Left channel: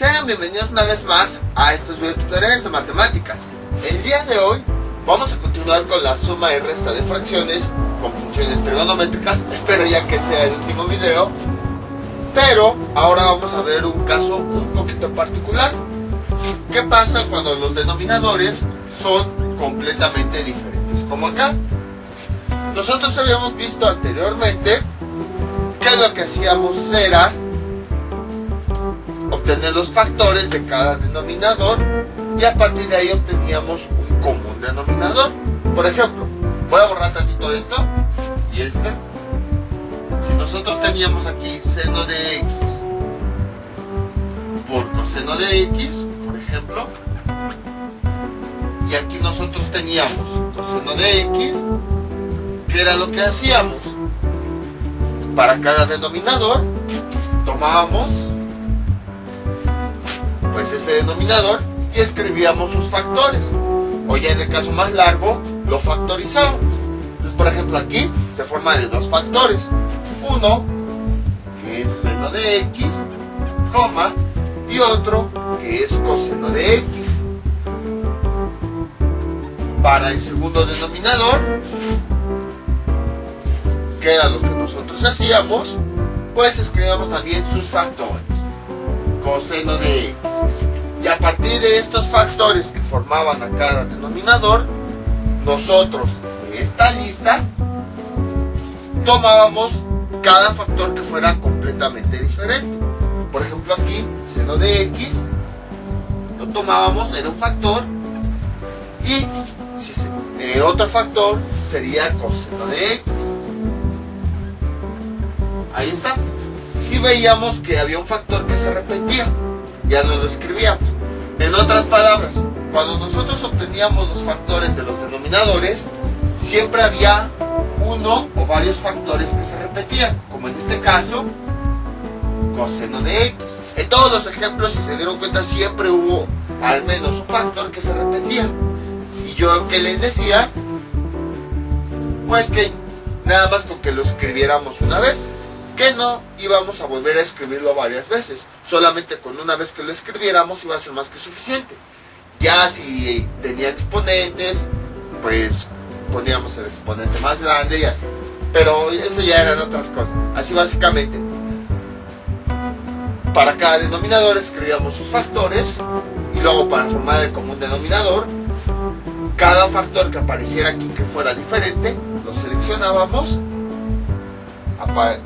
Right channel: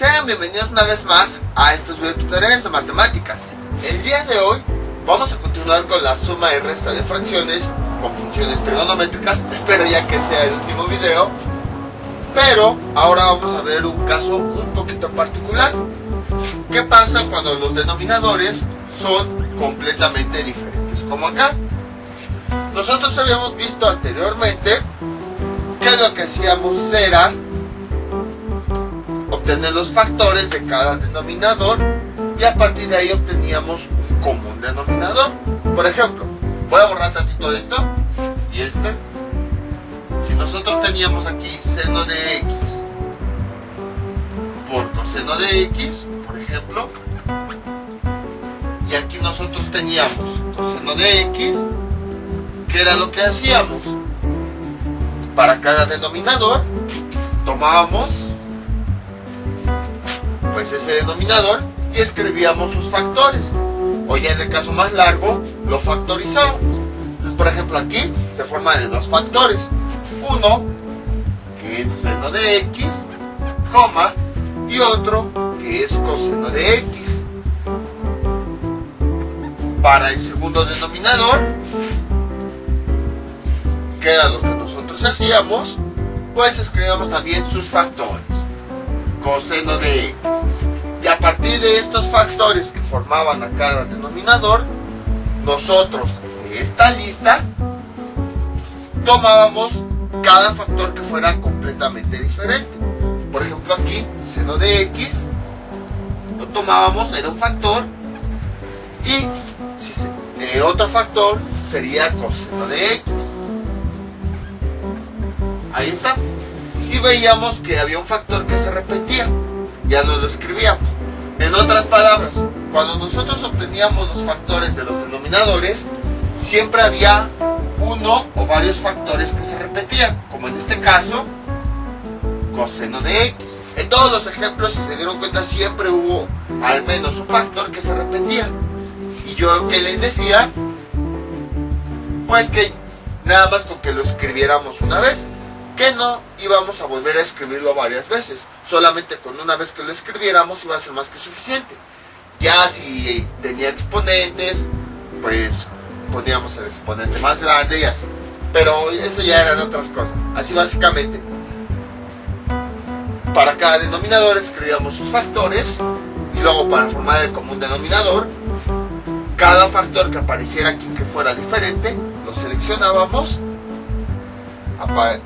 Sean bienvenidos una vez más a estos videotutoriales de matemáticas. El día de hoy vamos a continuar con la suma y resta de fracciones con funciones trigonométricas. Espero ya que sea el último video, pero ahora vamos a ver un caso un poquito particular. ¿Qué pasa cuando los denominadores son completamente diferentes? Como acá. Nosotros habíamos visto anteriormente que lo que hacíamos era obtener los factores de cada denominador y a partir de ahí obteníamos un común denominador. Por ejemplo, voy a borrar tantito esto y este. Si nosotros teníamos aquí seno de x por coseno de x, por ejemplo, y aquí nosotros teníamos coseno de x, ¿qué era lo que hacíamos? Para cada denominador tomábamos pues ese denominador y escribíamos sus factores, o ya en el caso más largo lo factorizábamos. Entonces, por ejemplo, aquí se forman de dos factores, uno que es seno de x, coma, y otro que es coseno de x. Para el segundo denominador, que era lo que nosotros hacíamos, pues escribíamos también sus factores, coseno de x. Y a partir de estos factores que formaban a cada denominador, nosotros de esta lista tomábamos cada factor que fuera completamente diferente. Por ejemplo, aquí seno de x lo tomábamos, era un factor, y otro factor sería coseno de x. Ahí está. Y veíamos que había un factor que se repetía, ya no lo escribíamos. En otras palabras, cuando nosotros obteníamos los factores de los denominadores, siempre había uno o varios factores que se repetían, como en este caso, coseno de x. En todos los ejemplos, si se dieron cuenta, siempre hubo al menos un factor que se repetía. Y yo que les decía, pues que nada más con que lo escribiéramos una vez, que no íbamos a volver a escribirlo varias veces, solamente con una vez que lo escribiéramos iba a ser más que suficiente. Ya si tenía exponentes, pues poníamos el exponente más grande y así, pero eso ya eran otras cosas. Así básicamente, para cada denominador escribíamos sus factores, y luego para formar el común denominador, cada factor que apareciera aquí que fuera diferente, lo seleccionábamos,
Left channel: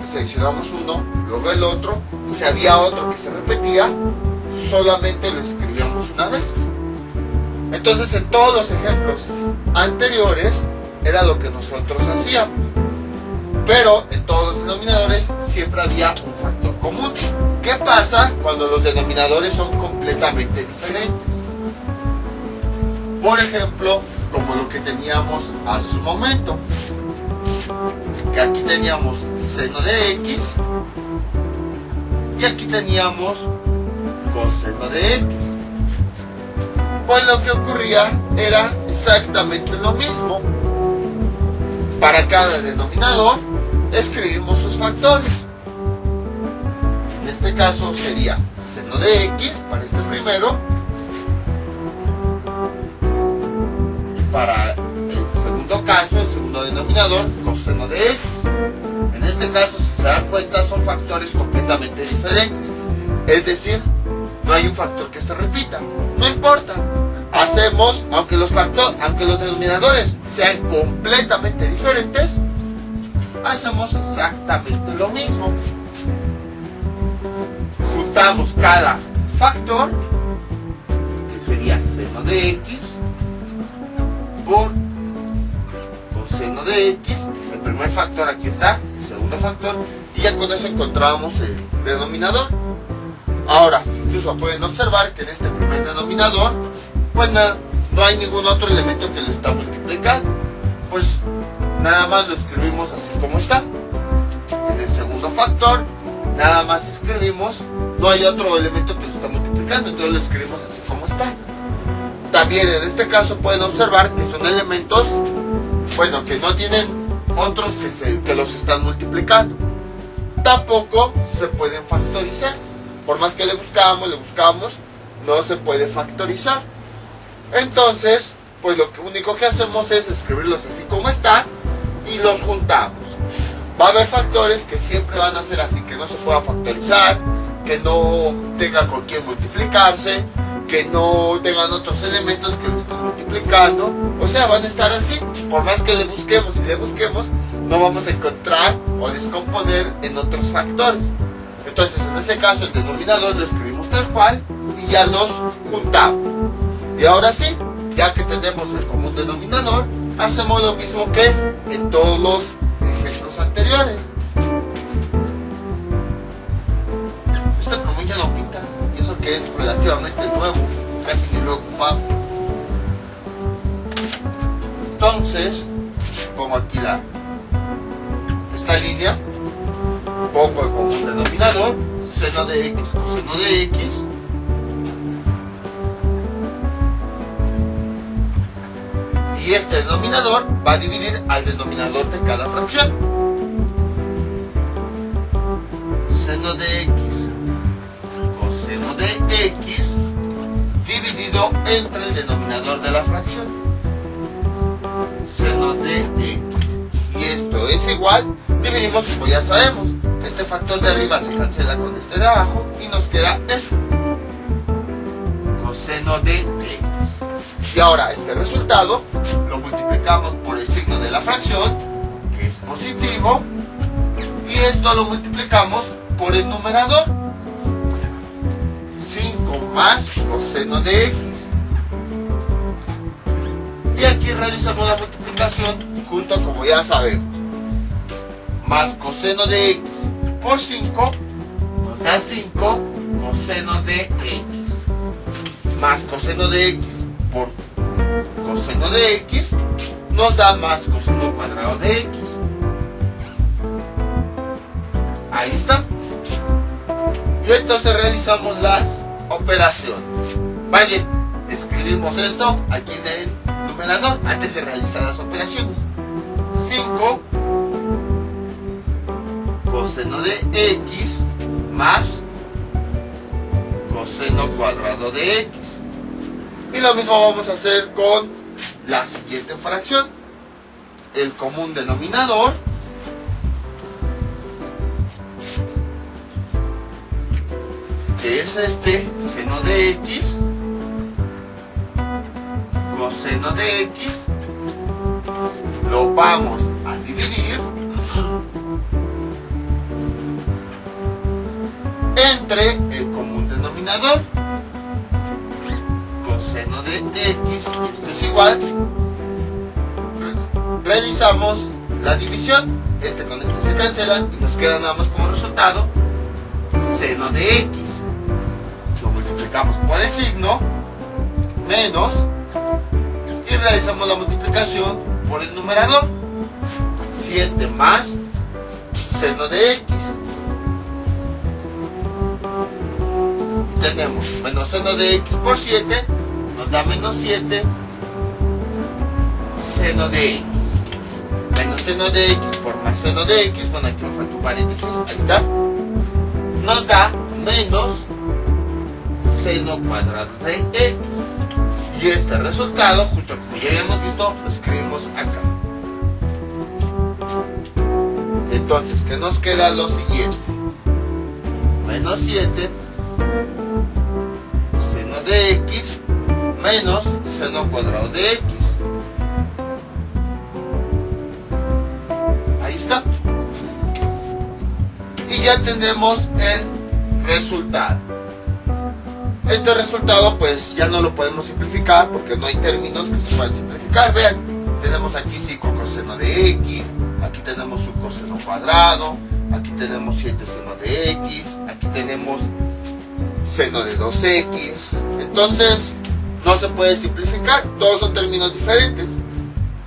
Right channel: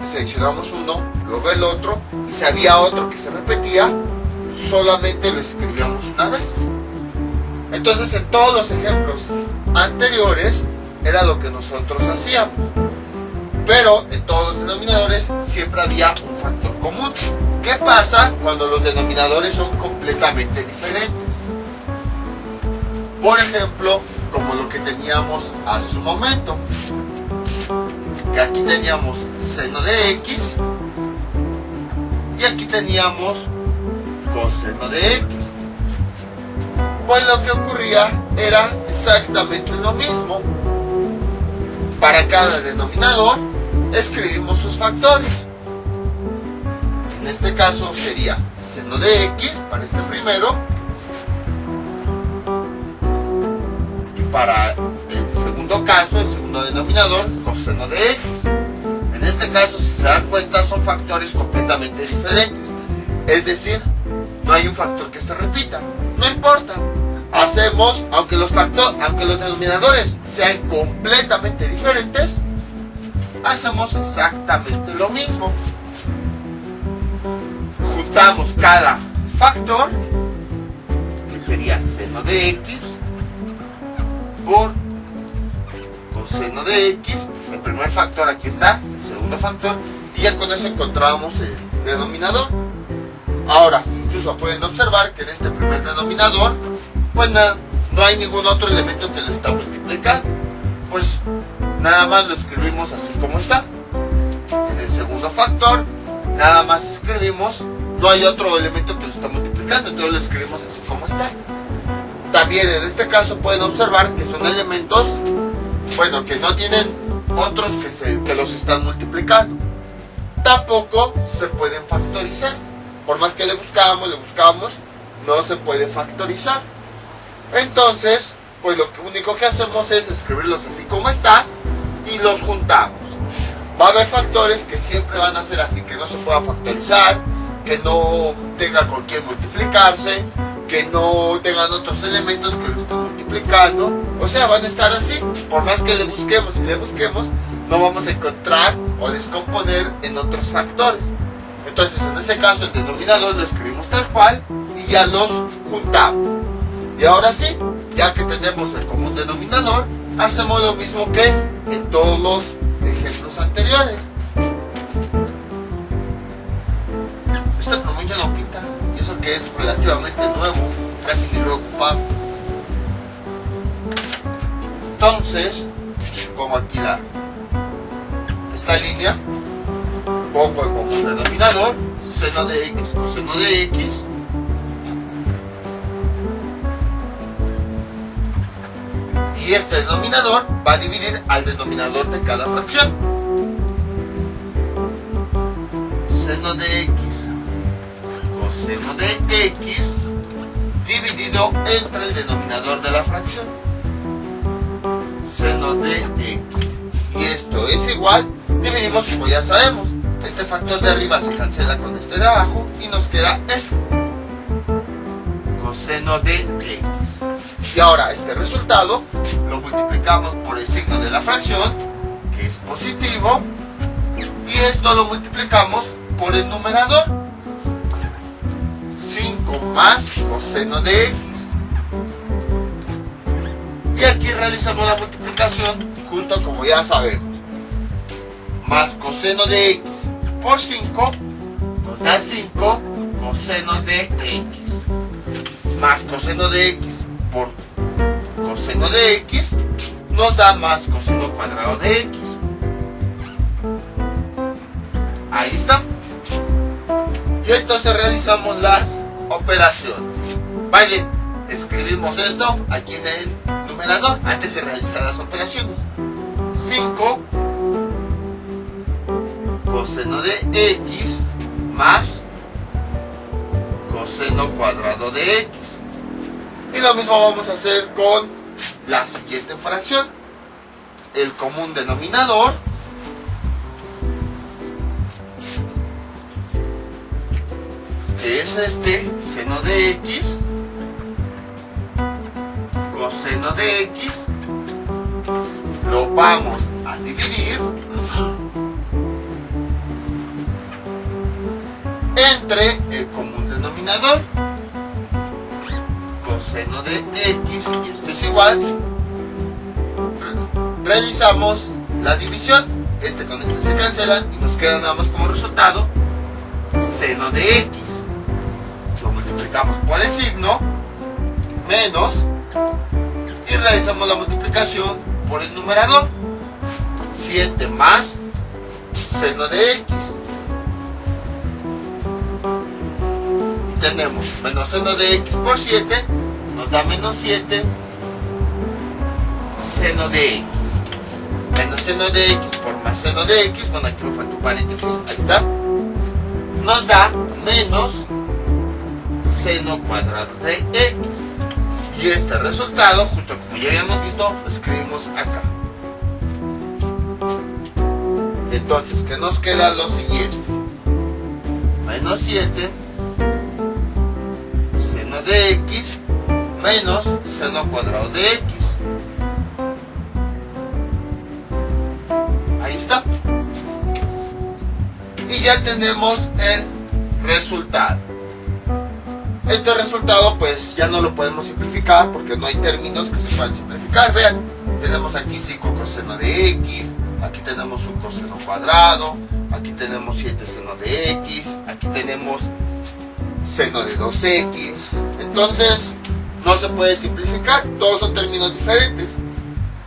seleccionamos uno, luego el otro, y si había otro que se repetía, solamente lo escribíamos una vez. Entonces, en todos los ejemplos anteriores era lo que nosotros hacíamos, pero en todos los denominadores siempre había un factor común. ¿Qué pasa cuando los denominadores son completamente diferentes? Por ejemplo, como lo que teníamos hace un momento, que aquí teníamos seno de x y aquí teníamos coseno de x. Pues lo que ocurría era exactamente lo mismo. Para cada denominador escribimos sus factores. En este caso sería seno de x para este primero, y para el segundo caso, el segundo denominador, coseno de x. En este caso, si se dan cuenta, son factores completamente diferentes. Es decir, no hay un factor que se repita. No importa. Hacemos, aunque los denominadores sean completamente diferentes, hacemos exactamente lo mismo. Juntamos cada factor, que sería seno de x, por coseno de x. El primer factor aquí está, el segundo factor, y ya con eso encontramos el denominador. Ahora, incluso pueden observar que en este primer denominador, pues no hay ningún otro elemento que lo está multiplicando, pues nada más lo escribimos así como está. En el segundo factor, nada más escribimos, no hay otro elemento que lo está multiplicando, entonces lo escribimos así como está. También en este caso pueden observar que son elementos, bueno, que no tienen otros que los están multiplicando. Tampoco se pueden factorizar. por más que le buscamos, no se puede factorizar. Entonces, pues lo único que hacemos es escribirlos así como está y los juntamos. Va a haber factores que siempre van a ser así, que no se pueda factorizar, que no tenga con quién multiplicarse, que no tengan otros elementos que lo estén multiplicando. O sea, van a estar así. Por más que le busquemos y le busquemos, no vamos a encontrar o descomponer en otros factores. Entonces, en ese caso, el denominador lo escribimos tal cual y ya los juntamos. Y ahora sí, ya que tenemos el común denominador, hacemos lo mismo que en todos los ejemplos anteriores. Este plumón ya no pinta, y eso que es relativamente nuevo, casi ni lo he ocupado. Entonces, pongo aquí esta línea, pongo el común denominador, seno de x, coseno de x, y este denominador va a dividir al denominador de cada fracción. Seno de x, coseno de x, dividido entre el denominador de la fracción. Seno de x. Y esto es igual, dividimos como ya sabemos. Este factor de arriba se cancela con este de abajo y nos queda esto. Coseno de x. Y ahora este resultado lo multiplicamos por el signo de la fracción, que es positivo, y esto lo multiplicamos por el numerador. 5 más coseno de x. Y aquí realizamos la multiplicación justo como ya sabemos. Más coseno de x por 5 nos da 5 coseno de x. Más coseno de x por coseno de x nos da más coseno cuadrado de x. Ahí está. Y entonces realizamos las operaciones. Vale, escribimos esto aquí en el numerador antes de realizar las operaciones. 5 coseno de x más coseno cuadrado de x. Y lo mismo vamos a hacer con la siguiente fracción. El común denominador, que es este, seno de x, coseno de x, lo vamos a dividir entre el común denominador, coseno de x, y esto es igual, realizamos la división, este con este se cancelan y nos queda nada más como resultado seno de x. Lo multiplicamos por el signo, menos, y realizamos la multiplicación por el numerador, 7 más seno de x. Y tenemos menos seno de x por 7, nos da menos 7 seno de x. Menos seno de x por más seno de x, bueno, aquí me falta un paréntesis, ahí está, nos da menos seno cuadrado de x. Y este resultado, justo como ya habíamos visto, lo escribimos acá. Entonces, ¿qué nos queda? Lo siguiente: menos 7 seno de x menos seno cuadrado de x. Ahí está. Y ya tenemos el resultado. Este resultado pues ya no lo podemos simplificar porque no hay términos que se puedan simplificar. Vean, tenemos aquí 5 coseno de x, aquí tenemos un coseno cuadrado, aquí tenemos 7 seno de x, aquí tenemos seno de 2x. Entonces no se puede simplificar, todos son términos diferentes.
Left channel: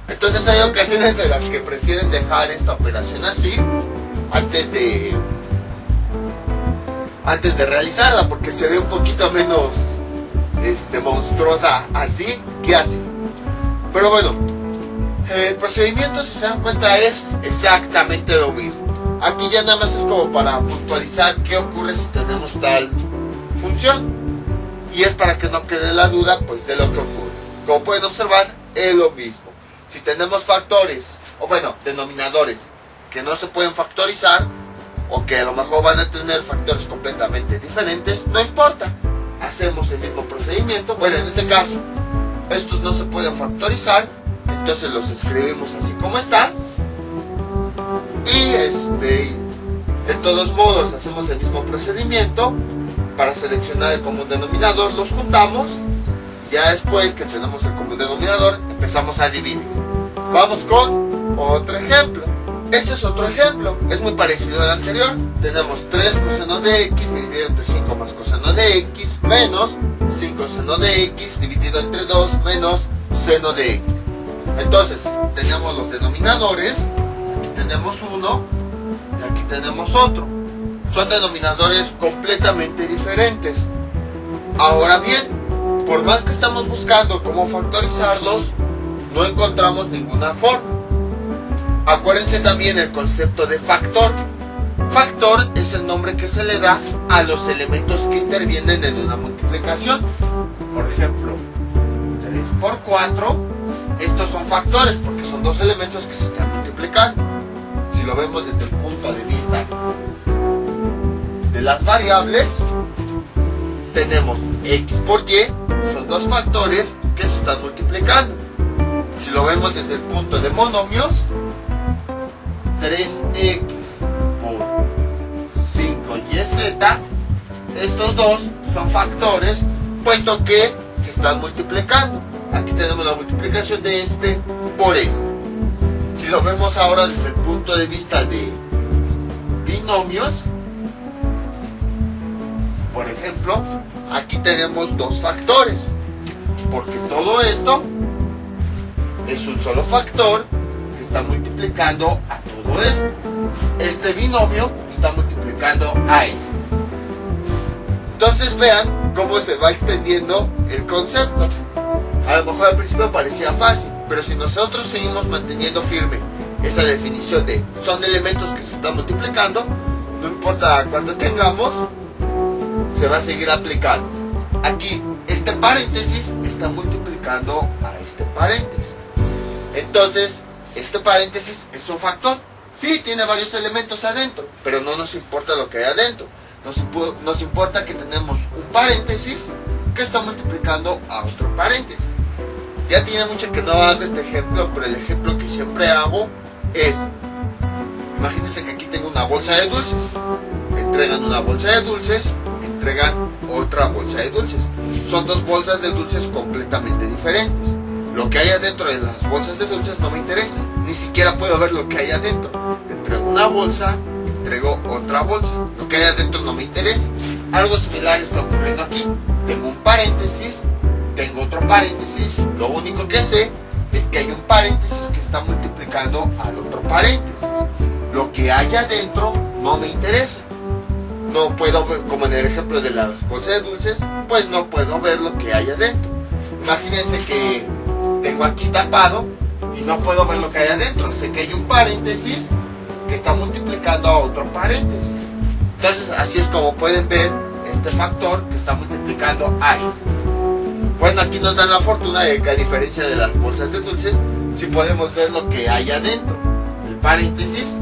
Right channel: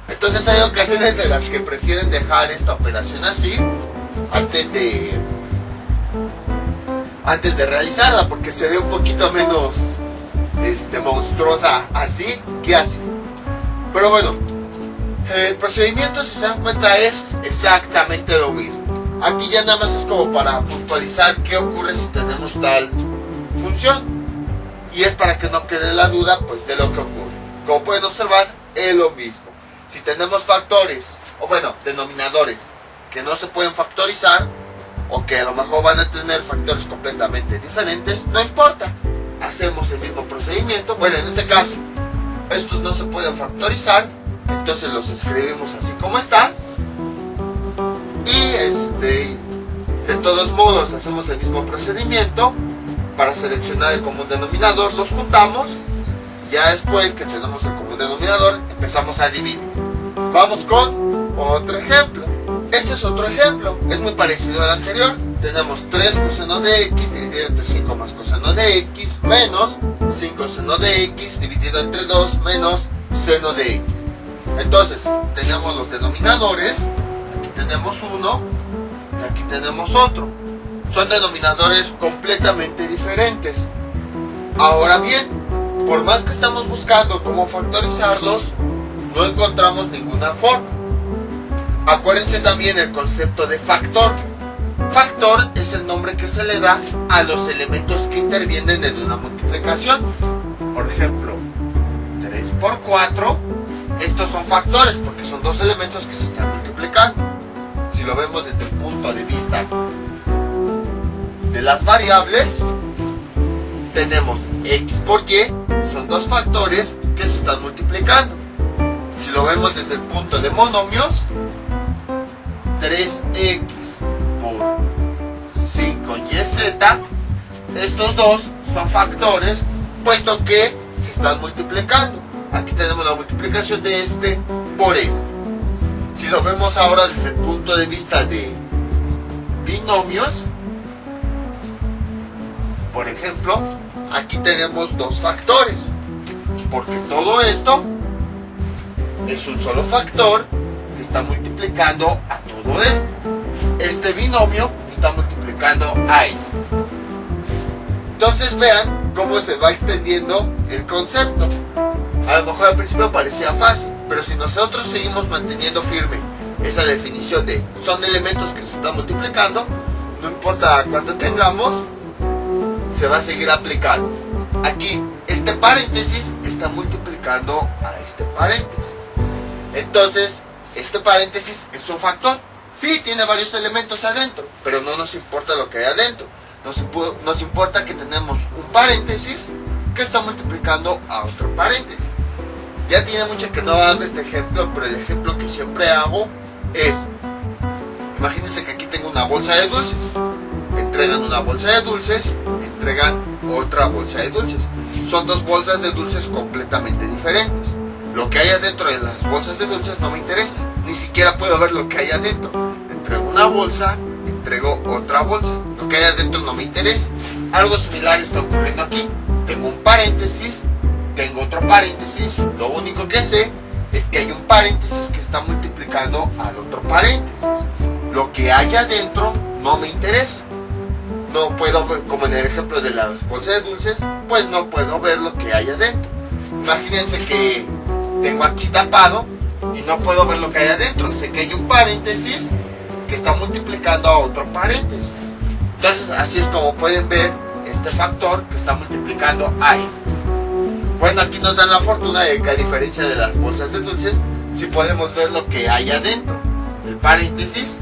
Entonces hay ocasiones en las que prefieren dejar esta operación así antes de realizarla, porque se ve un poquito menos monstruosa así que así. Pero bueno, el procedimiento, si se dan cuenta, es exactamente lo mismo. Aquí ya nada más es como para puntualizar qué ocurre si tenemos tal función. Y es para que no quede la duda pues de lo que ocurre. Como pueden observar, es lo mismo. Si tenemos factores, o bueno, denominadores que no se pueden factorizar, o que a lo mejor van a tener factores completamente diferentes, no importa. Hacemos el mismo procedimiento. Bueno, en este caso, estos no se pueden factorizar, entonces los escribimos así como está. Y de todos modos hacemos el mismo procedimiento. Para seleccionar el común denominador los juntamos. Y ya después que tenemos el común denominador empezamos a dividir. Vamos con otro ejemplo. Este es otro ejemplo, es muy parecido al anterior. Tenemos 3 coseno de x dividido entre 5 más coseno de x menos 5 seno de x dividido entre 2 menos seno de x. Entonces tenemos los denominadores. Aquí tenemos uno y aquí tenemos otro. Son denominadores completamente diferentes. Ahora bien, por más que estamos buscando cómo factorizarlos, no encontramos ninguna forma. Acuérdense también el concepto de factor. Factor es el nombre que se le da a los elementos que intervienen en una multiplicación. Por ejemplo, 3 por 4, estos son factores porque son dos elementos que se están multiplicando. Si lo vemos desde el punto de vista de las variables, tenemos x por y, son dos factores que se están multiplicando. Si lo vemos desde el punto de monomios, 3x por 5yz, estos dos son factores puesto que se están multiplicando. Aquí tenemos la multiplicación de este por este. Si lo vemos ahora desde el punto de vista de binomios, por ejemplo, aquí tenemos dos factores, porque todo esto es un solo factor que está multiplicando a todo esto. Este binomio está multiplicando a este. Entonces vean cómo se va extendiendo el concepto. A lo mejor al principio parecía fácil, pero si nosotros seguimos manteniendo firme esa definición de son elementos que se están multiplicando, no importa cuánto tengamos, se va a seguir aplicando. Aquí este paréntesis está multiplicando a este paréntesis. Entonces este paréntesis es un factor. Sí, tiene varios elementos adentro, pero no nos importa lo que hay adentro. Nos importa que tenemos un paréntesis que está multiplicando a otro paréntesis. Ya tiene mucho que no hago este ejemplo, pero el ejemplo que siempre hago es, imagínense que aquí tengo una bolsa de dulces. Entregan una bolsa de dulces, entregan otra bolsa de dulces. Son dos bolsas de dulces completamente diferentes. Lo que hay adentro de las bolsas de dulces no me interesa, ni siquiera puedo ver lo que hay adentro. Entrego una bolsa, entrego otra bolsa. Lo que hay adentro no me interesa. Algo similar está ocurriendo aquí. Tengo un paréntesis, tengo otro paréntesis. Lo único que sé es que hay un paréntesis que está multiplicando al otro paréntesis. Lo que hay adentro no me interesa. No puedo ver, como en el ejemplo de la bolsa de dulces, pues no puedo ver lo que hay adentro. Imagínense que tengo aquí tapado y no puedo ver lo que hay adentro. Sé que hay un paréntesis que está multiplicando a otro paréntesis. Entonces así es como pueden ver este factor que está multiplicando a este. Bueno, aquí nos dan la fortuna de que a diferencia de las bolsas de dulces, sí podemos ver lo que hay adentro, el paréntesis.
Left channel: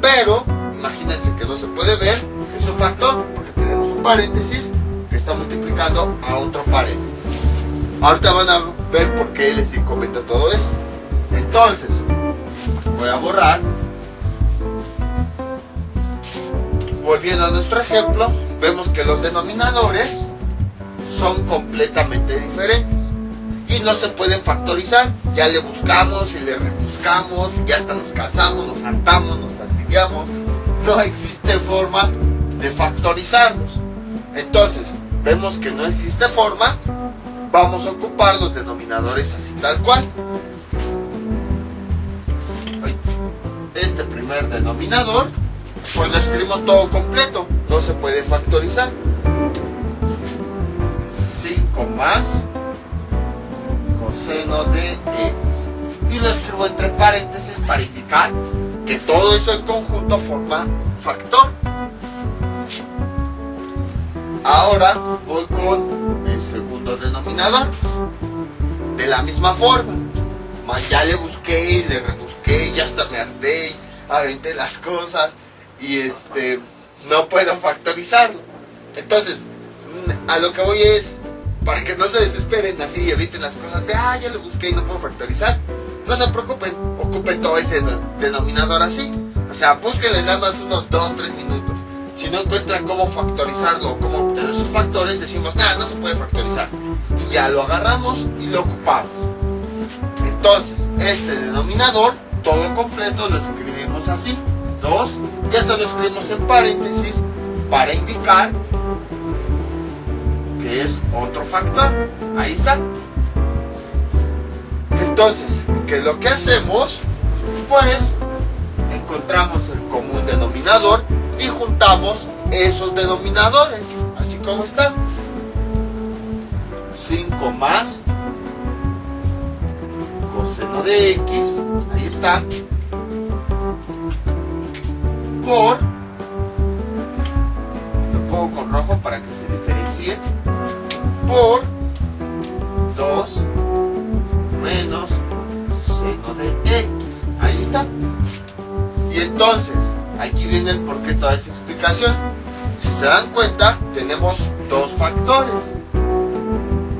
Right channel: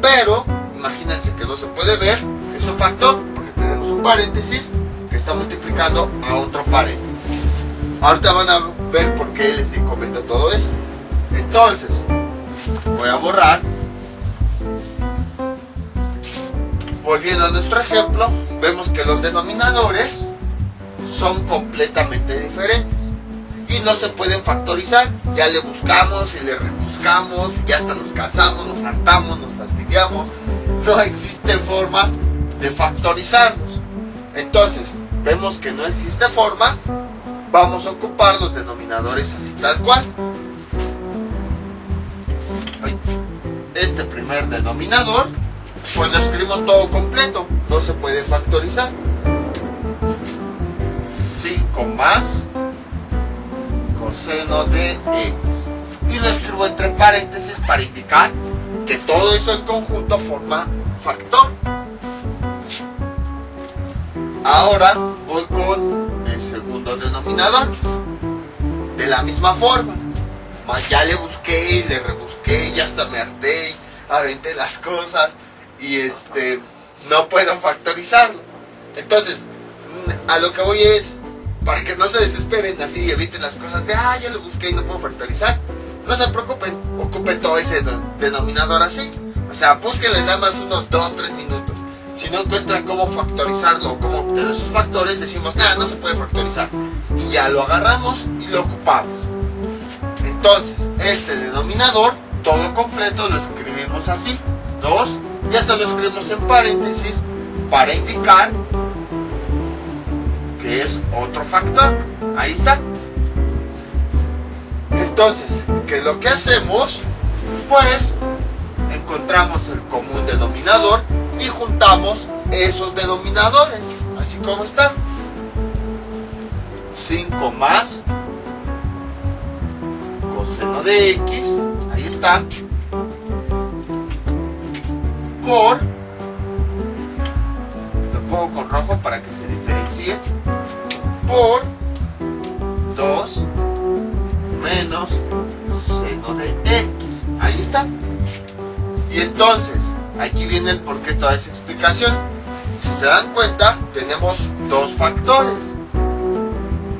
Pero imagínense que no se puede ver, es un factor porque tenemos un paréntesis que está multiplicando a otro paréntesis. Ahorita van a ver por qué les comento todo eso. Entonces voy a borrar. Volviendo a nuestro ejemplo, vemos que los denominadores son completamente diferentes y no se pueden factorizar. Ya le buscamos y le rebuscamos y ya hasta nos cansamos, nos hartamos, nos fastidiamos. No existe forma de factorizarlos. Entonces vemos que no existe forma. Vamos a ocupar los denominadores así tal cual. Este primer denominador, pues lo escribimos todo completo, no se puede factorizar. 5 más coseno de x. Y lo escribo entre paréntesis para indicar que todo eso en conjunto forma un factor. Ahora voy con el segundo denominador. De la misma forma. Ya le busqué y le rebusqué y hasta me harté y aventé las cosas y no puedo factorizarlo. Entonces, a lo que voy es, para que no se desesperen así y eviten las cosas de ya lo busqué y no puedo factorizar. No se preocupen, ocupen todo ese denominador así. O sea, búsquenle nada más unos 2-3 minutos. Si no encuentran cómo factorizarlo o cómo obtener sus factores, decimos, no se puede factorizar. Y ya lo agarramos y lo ocupamos. Entonces, este denominador, todo completo, lo escribimos así, 2, y esto lo escribimos en paréntesis para indicar que es otro factor. Ahí está. Entonces, ¿qué es lo que hacemos? Pues, encontramos el común denominador y juntamos esos denominadores, así como está. 5 más coseno de x, ahí está, por, lo pongo con rojo para que se diferencie, por 2 menos seno de x, ahí está. Y entonces, aquí viene el porqué toda esa explicación. Si se dan cuenta, tenemos dos factores.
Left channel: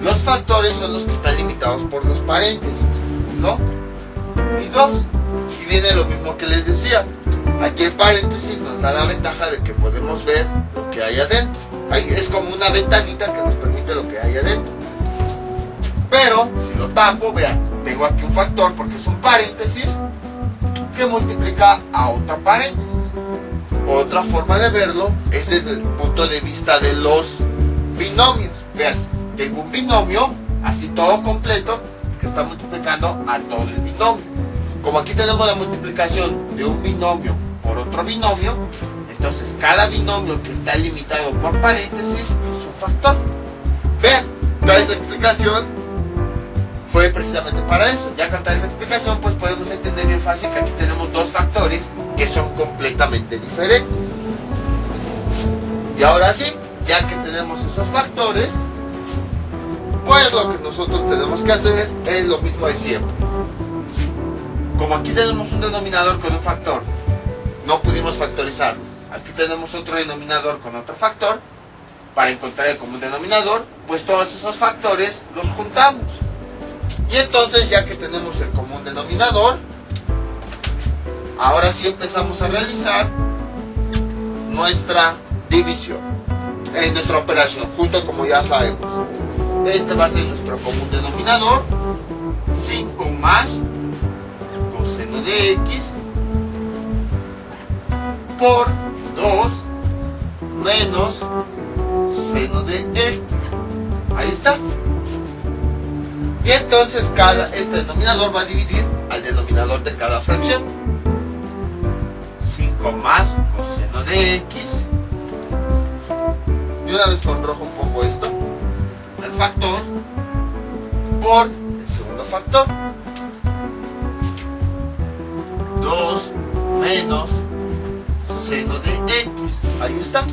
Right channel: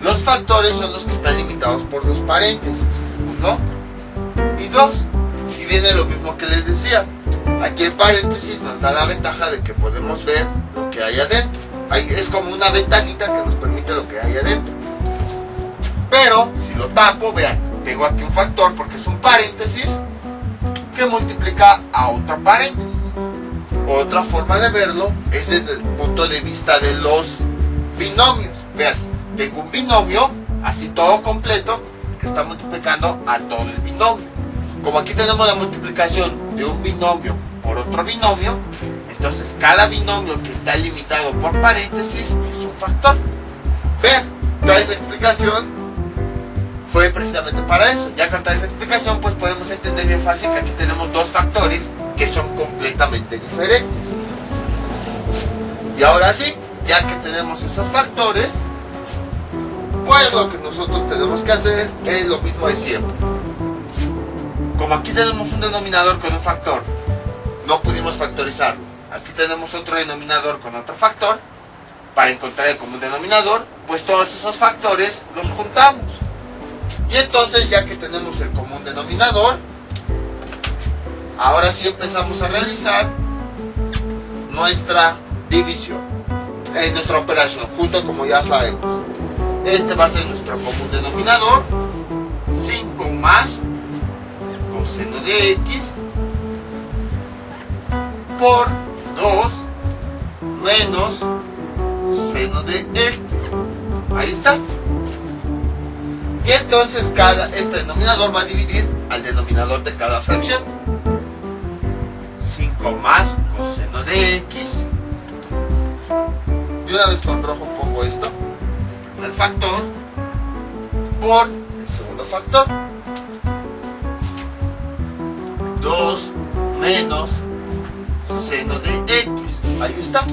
Los factores son los que están limitados por los paréntesis. 1 y 2, y viene lo mismo que les decía. Aquí el paréntesis nos da la ventaja de que podemos ver lo que hay adentro. Es como una ventanita que nos permite lo que hay adentro. Pero si lo tapo, vean, tengo aquí un factor porque es un paréntesis que multiplica a otro paréntesis. Otra forma de verlo es desde el punto de vista de los binomios. Vean, tengo un binomio así todo completo que está multiplicando a todo el binomio. Como aquí tenemos la multiplicación de un binomio por otro binomio, entonces cada binomio que está limitado por paréntesis es un factor. Vean, toda esa explicación fue precisamente para eso. Ya con toda esa explicación pues podemos entender bien fácil que aquí tenemos dos factores que son completamente diferentes. Y ahora sí, ya que tenemos esos factores, pues lo que nosotros tenemos que hacer es lo mismo de siempre. Como aquí tenemos un denominador con un factor, no pudimos factorizarlo. Aquí tenemos otro denominador con otro factor. Para encontrar el común denominador, pues todos esos factores los juntamos. Y entonces, ya que tenemos el común denominador, ahora sí empezamos a realizar nuestra división, nuestra operación, justo como ya sabemos. Este va a ser nuestro común denominador, 5 más coseno de x por 2 menos seno de x. Ahí está. Y entonces este denominador va a dividir al denominador de cada fracción. 5 más coseno de x. Y una vez con rojo pongo esto, el primer factor, por el segundo factor. 2 menos seno de x. Ahí está.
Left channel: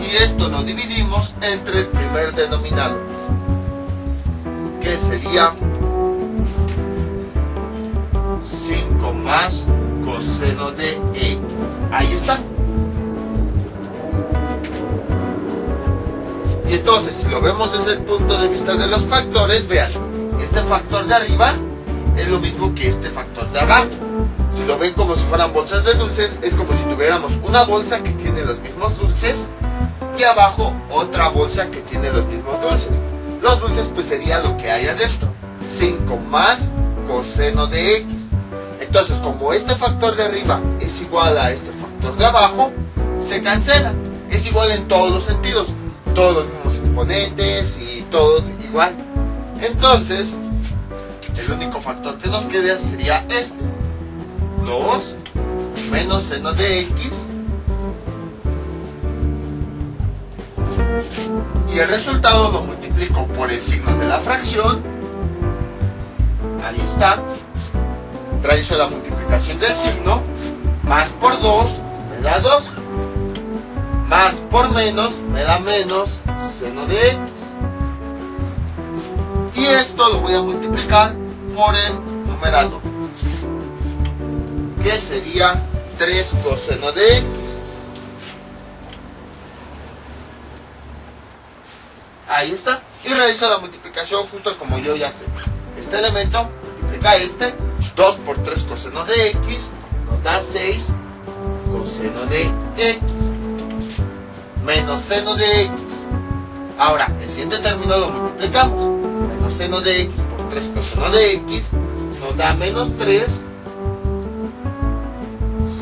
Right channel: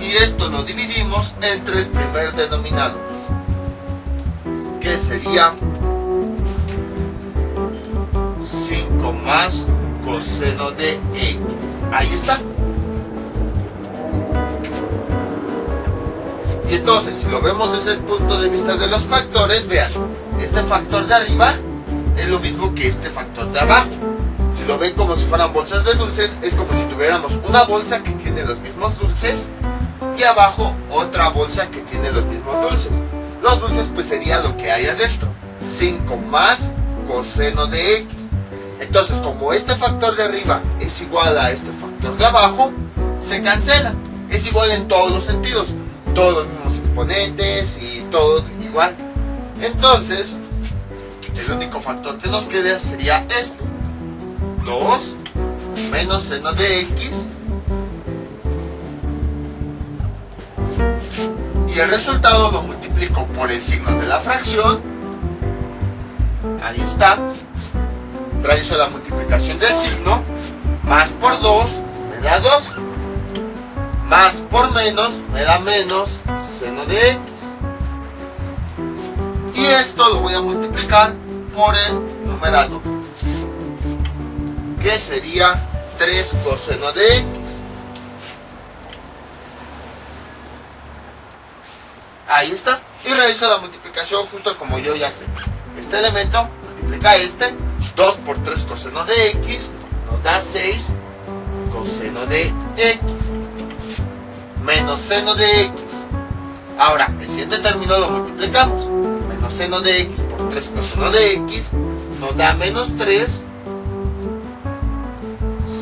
Y esto lo dividimos entre el primer denominador, que sería 5 más coseno de x. Ahí está. Y entonces, si lo vemos desde el punto de vista de los factores, vean, este factor de arriba es lo mismo que este factor de abajo. Si lo ven como si fueran bolsas de dulces, es como si tuviéramos una bolsa que tiene los mismos dulces y abajo otra bolsa que tiene los mismos dulces. Los dulces pues sería lo que hay adentro, 5 más coseno de x. Entonces, como este factor de arriba es igual a este factor de abajo, se cancela. Es igual en todos los sentidos, todos los mismos exponentes y todo igual. Entonces, el único factor que nos queda sería este, 2 menos seno de x, y el resultado lo multiplico por el signo de la fracción. Ahí está. Realizo la multiplicación del signo, más por 2 me da 2, Más por menos me da menos seno de x. Y esto lo voy a multiplicar por el numerador, que sería 3 coseno de x. Ahí está. Y realizo la multiplicación justo como yo ya sé. Este elemento multiplica este. 2 por 3 coseno de x nos da 6 coseno de x. Menos seno de x. Ahora, el siguiente término lo multiplicamos. Menos seno de x por 3 coseno de x nos da menos 3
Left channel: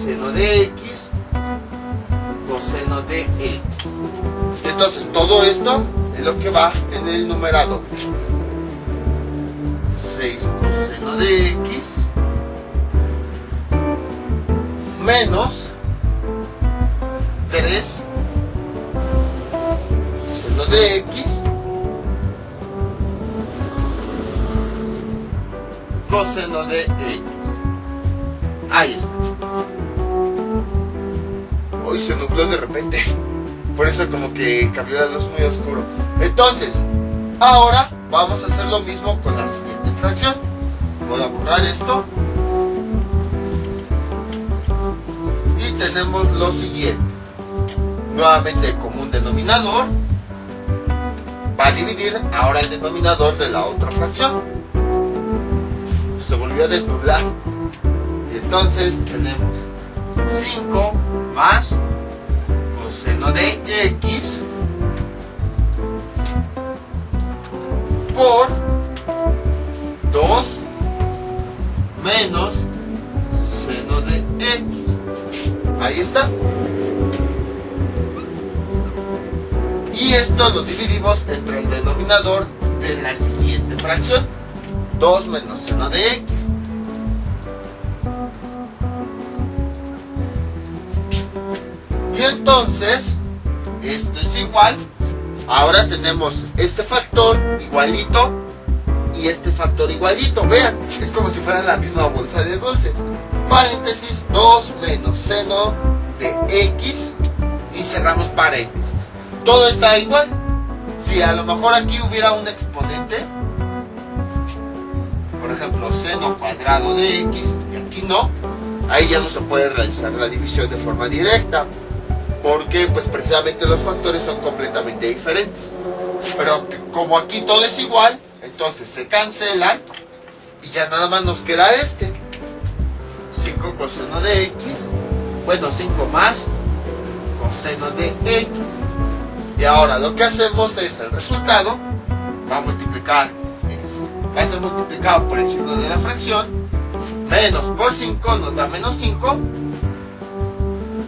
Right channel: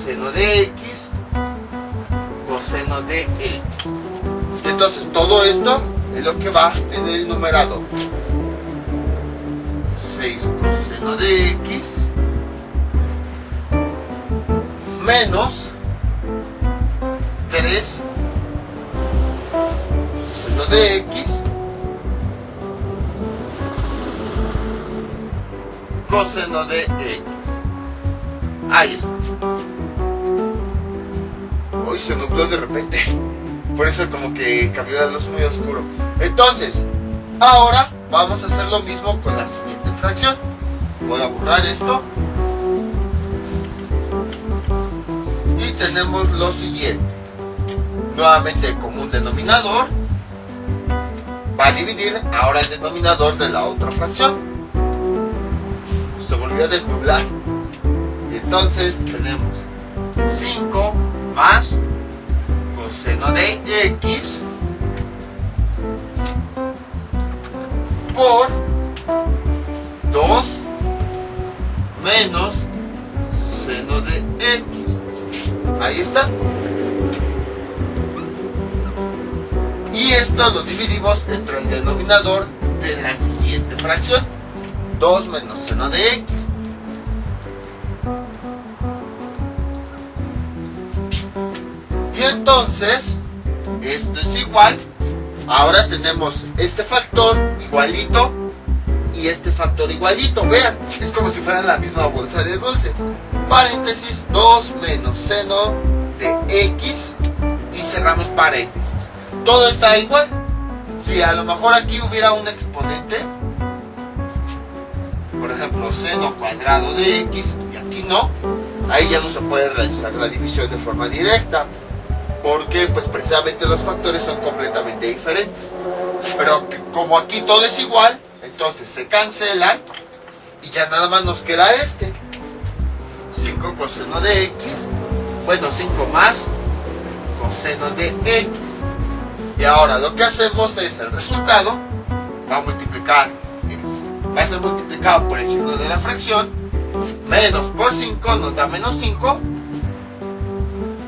seno de x coseno de x. Entonces todo esto es lo que va en el numerador. 6 coseno de x menos 3 seno de x coseno de x. Ahí está. Hoy se nubló de repente, por eso como que cambió la luz muy oscuro. Entonces, ahora vamos a hacer lo mismo con la siguiente fracción. Voy a borrar esto. Y tenemos lo siguiente. Nuevamente el común denominador va a dividir ahora el denominador de la otra fracción. Se volvió a desnublar. Y entonces tenemos 5 más coseno de x por 2 menos seno de x. Ahí está. Y esto lo dividimos entre el denominador de la siguiente fracción. 2 menos seno de x. Y entonces, esto es igual. Ahora tenemos este factor igualito y este factor igualito. Vean, es como si fueran la misma bolsa de dulces. Paréntesis, 2 menos seno de x y cerramos paréntesis. Todo está igual. Si a lo mejor aquí hubiera un exponente, por ejemplo, seno cuadrado de x, y aquí no, ahí ya no se puede realizar la división de forma directa, porque pues precisamente los factores son completamente diferentes. Pero como aquí todo es igual, entonces se cancelan y ya nada más nos queda este. 5 coseno de x, bueno, 5 más coseno de x. Y ahora lo que hacemos es el resultado va a multiplicar, va a ser multiplicado por el signo de la fracción. Menos por 5 nos da menos 5.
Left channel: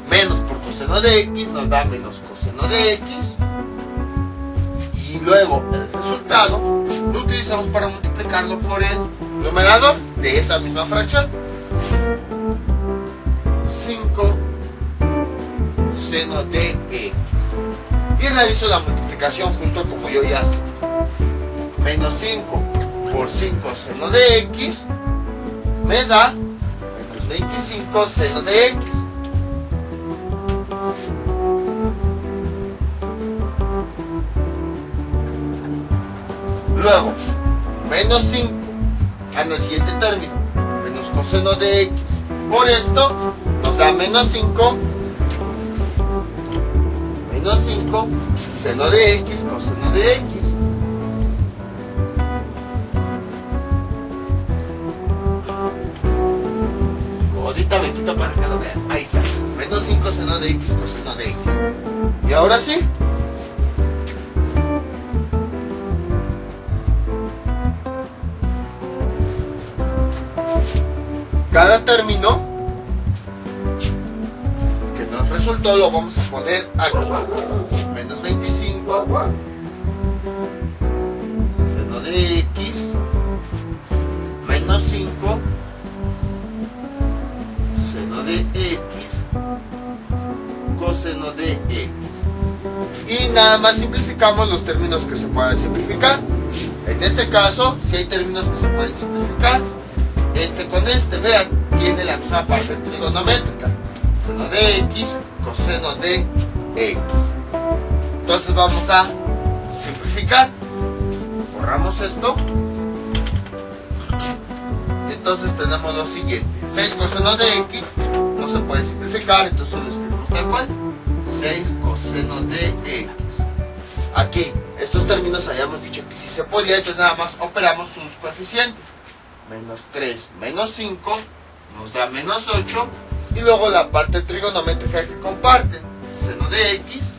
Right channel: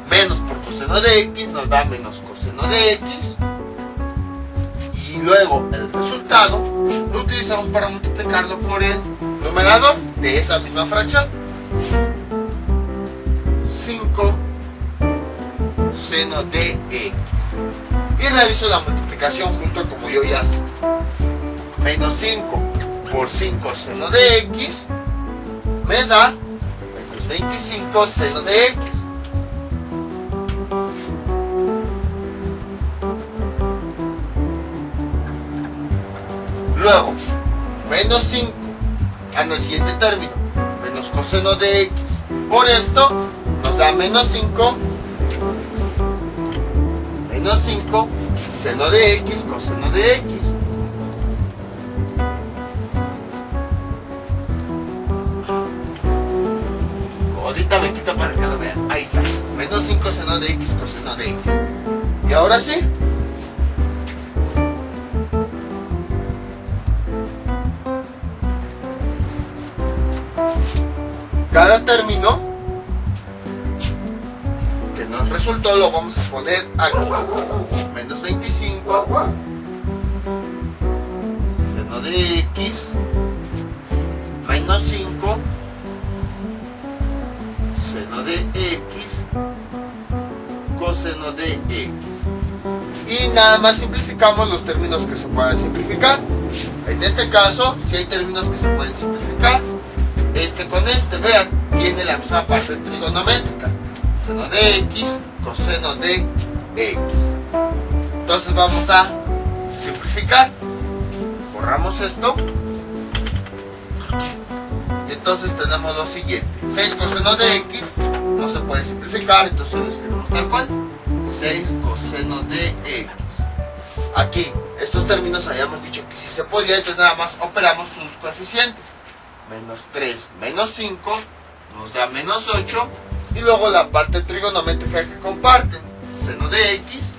Menos por coseno de x nos da menos coseno de x. Y luego el resultado lo utilizamos para multiplicarlo por el numerador de esa misma fracción. 5 seno de x. Y realizo la multiplicación justo como yo ya sé. Menos 5 por 5 seno de x me da menos 25 seno de x. Luego, menos 5 en el siguiente término, menos coseno de x. Por esto nos da menos 5 seno de x coseno de x. Ahorita me quito para que lo vean. Ahí está. Menos 5 seno de x coseno de x. Y ahora sí. Cada término que nos resultó lo vamos a poner aquí. Menos 25 seno de x menos 5 seno de x coseno de x. Y nada más simplificamos los términos que se puedan simplificar. En este caso, si hay términos que se pueden simplificar, este con este, vean, tiene la misma parte trigonométrica. Seno de x, coseno de X. Entonces vamos a simplificar. Borramos esto. Y entonces tenemos lo siguiente. 6 coseno de X no se puede simplificar, entonces lo escribimos tal cual. 6 coseno de X. Aquí, estos términos habíamos dicho que sí se podía, entonces nada más operamos sus coeficientes. Menos 3 menos 5 nos da menos 8. Y luego la parte trigonométrica que comparten. Seno de X,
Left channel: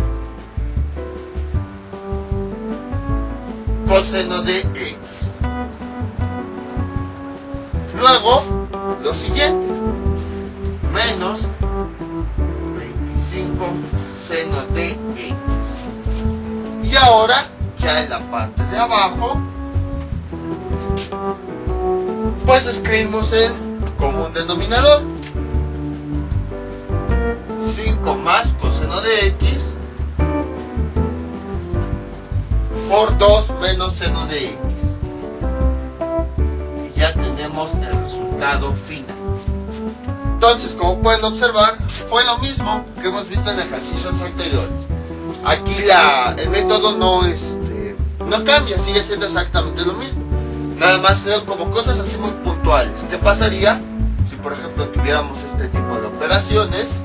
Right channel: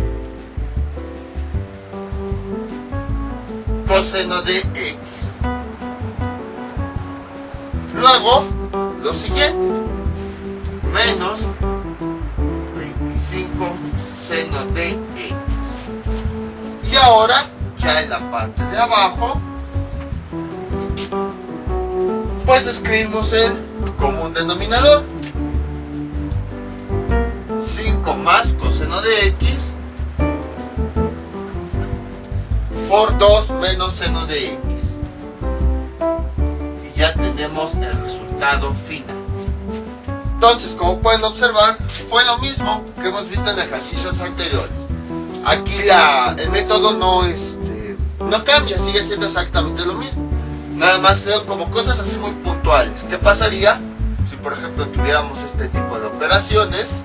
coseno de X. Luego, lo siguiente. Menos 25 seno de X. Y ahora, ya en la parte de abajo, pues escribimos el común denominador. 5 más coseno de X por 2 menos seno de X. Y ya tenemos el resultado final. Entonces, como pueden observar, fue lo mismo que hemos visto en ejercicios anteriores. Aquí el método no cambia, sigue siendo exactamente lo mismo. Nada más son como cosas así muy puntuales. ¿Qué pasaría si, por ejemplo, tuviéramos este tipo de operaciones?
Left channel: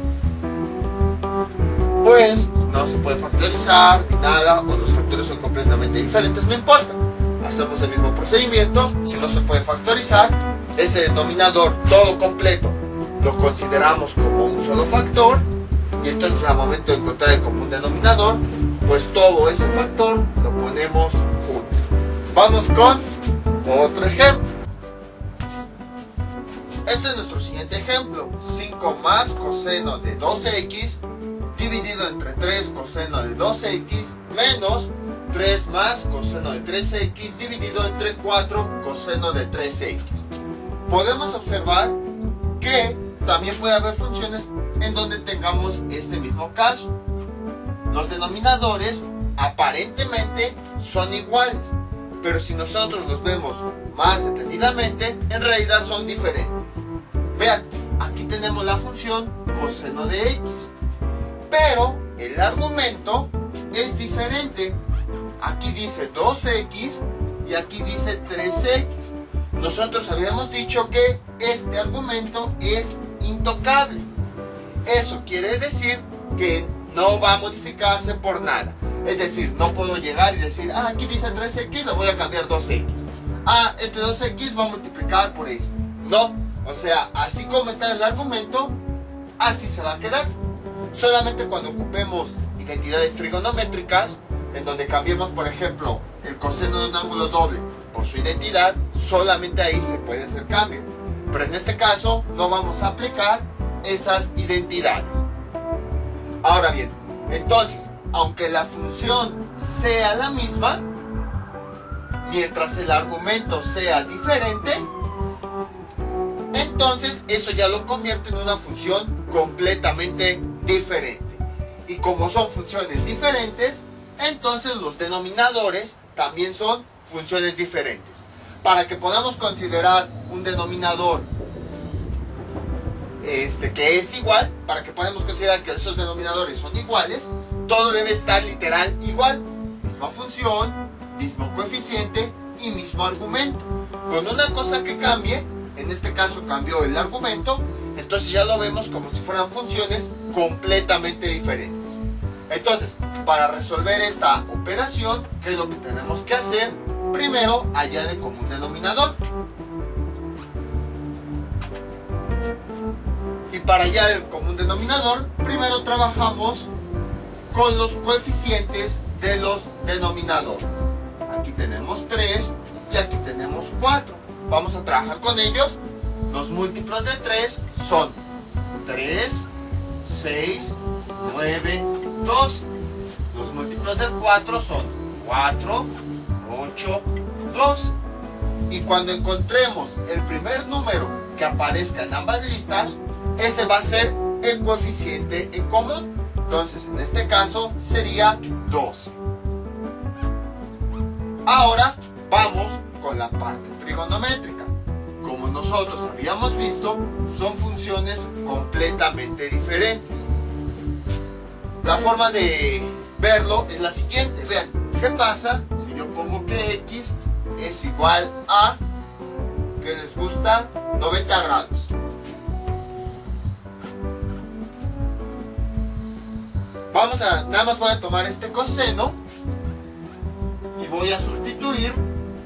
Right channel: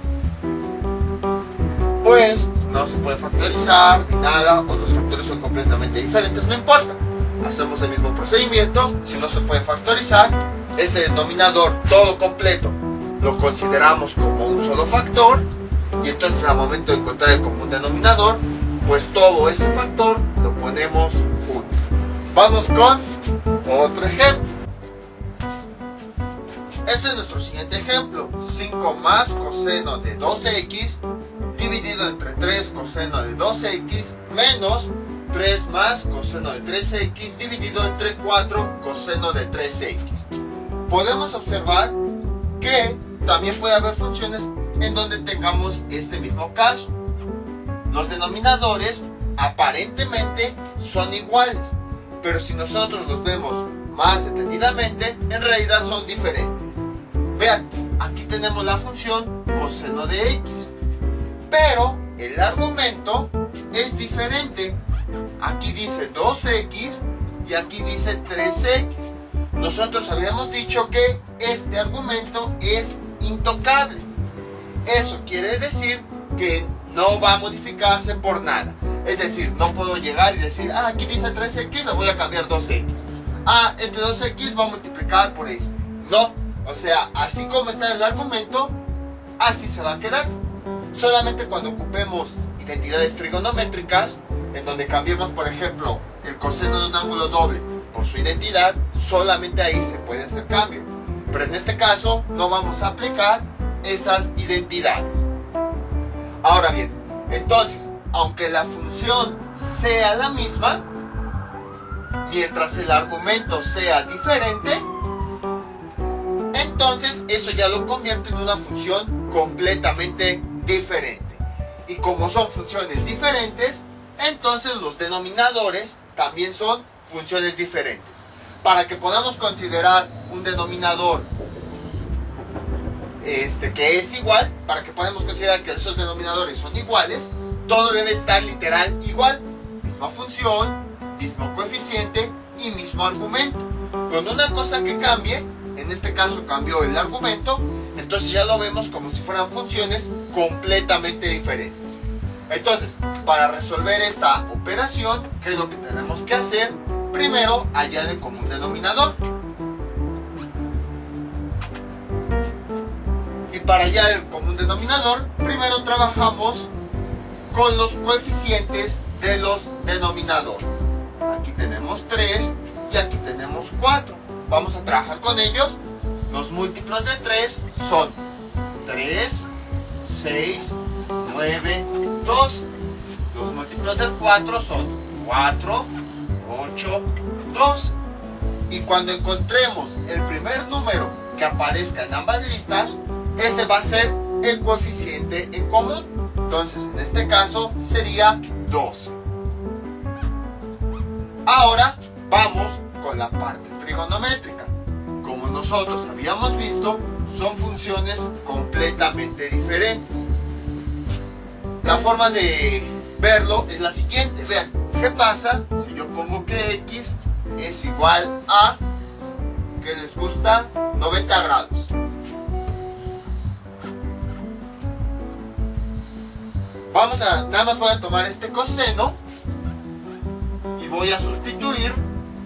Pues no se puede factorizar ni nada, o los factores son completamente diferentes, no importa. Hacemos el mismo procedimiento. Si no se puede factorizar, ese denominador todo completo lo consideramos como un solo factor, y entonces al momento de encontrar el común denominador, pues todo ese factor lo ponemos junto. Vamos con otro ejemplo. Este es nuestro siguiente ejemplo. 5 más coseno de 2x dividido entre 3 coseno de 2x menos 3 más coseno de 3x dividido entre 4 coseno de 3x. Podemos observar que también puede haber funciones en donde tengamos este mismo caso. Los denominadores aparentemente son iguales, pero si nosotros los vemos más detenidamente, en realidad son diferentes. Vean, aquí tenemos la función coseno de x, pero el argumento es diferente. Aquí dice 2x y aquí dice 3x. Nosotros habíamos dicho que este argumento es intocable. Eso quiere decir que no va a modificarse por nada. Es decir, no puedo llegar y decir, aquí dice 3x, lo voy a cambiar 2x. Este 2x va a multiplicar por este. No, o sea, así como está el argumento, así se va a quedar. Solamente cuando ocupemos identidades trigonométricas, en donde cambiemos, por ejemplo, el coseno de un ángulo doble por su identidad, solamente ahí se puede hacer cambio. Pero en este caso no vamos a aplicar esas identidades. Ahora bien, entonces, aunque la función sea la misma, mientras el argumento sea diferente, entonces eso ya lo convierte en una función completamente diferente. Y como son funciones diferentes, entonces los denominadores también son funciones diferentes. Para que podamos considerar un denominador que es igual, para que podamos considerar que esos denominadores son iguales, todo debe estar literal igual. Misma función, mismo coeficiente y mismo argumento. Con una cosa que cambie, en este caso cambió el argumento, entonces ya lo vemos como si fueran funciones completamente diferentes. Entonces, para resolver esta operación, ¿qué es lo que tenemos que hacer? Primero, hallar el común denominador. Y para hallar el común denominador, primero trabajamos con los coeficientes de los denominadores. Aquí tenemos 3 y aquí tenemos 4. Vamos a trabajar con ellos. Los múltiplos de 3 son 3, 6, 9, 12. Los múltiplos del 4 son 4, 8, 12. Y cuando encontremos el primer número que aparezca en ambas listas, ese va a ser el coeficiente en común. Entonces, en este caso sería 12. Ahora vamos con la parte trigonométrica. Como nosotros habíamos visto, son funciones completamente diferentes. la forma de verlo es la siguiente. Vean, ¿qué pasa si yo pongo que x es igual a, que les gusta, 90 grados? Nada más voy a tomar este coseno y voy a sustituir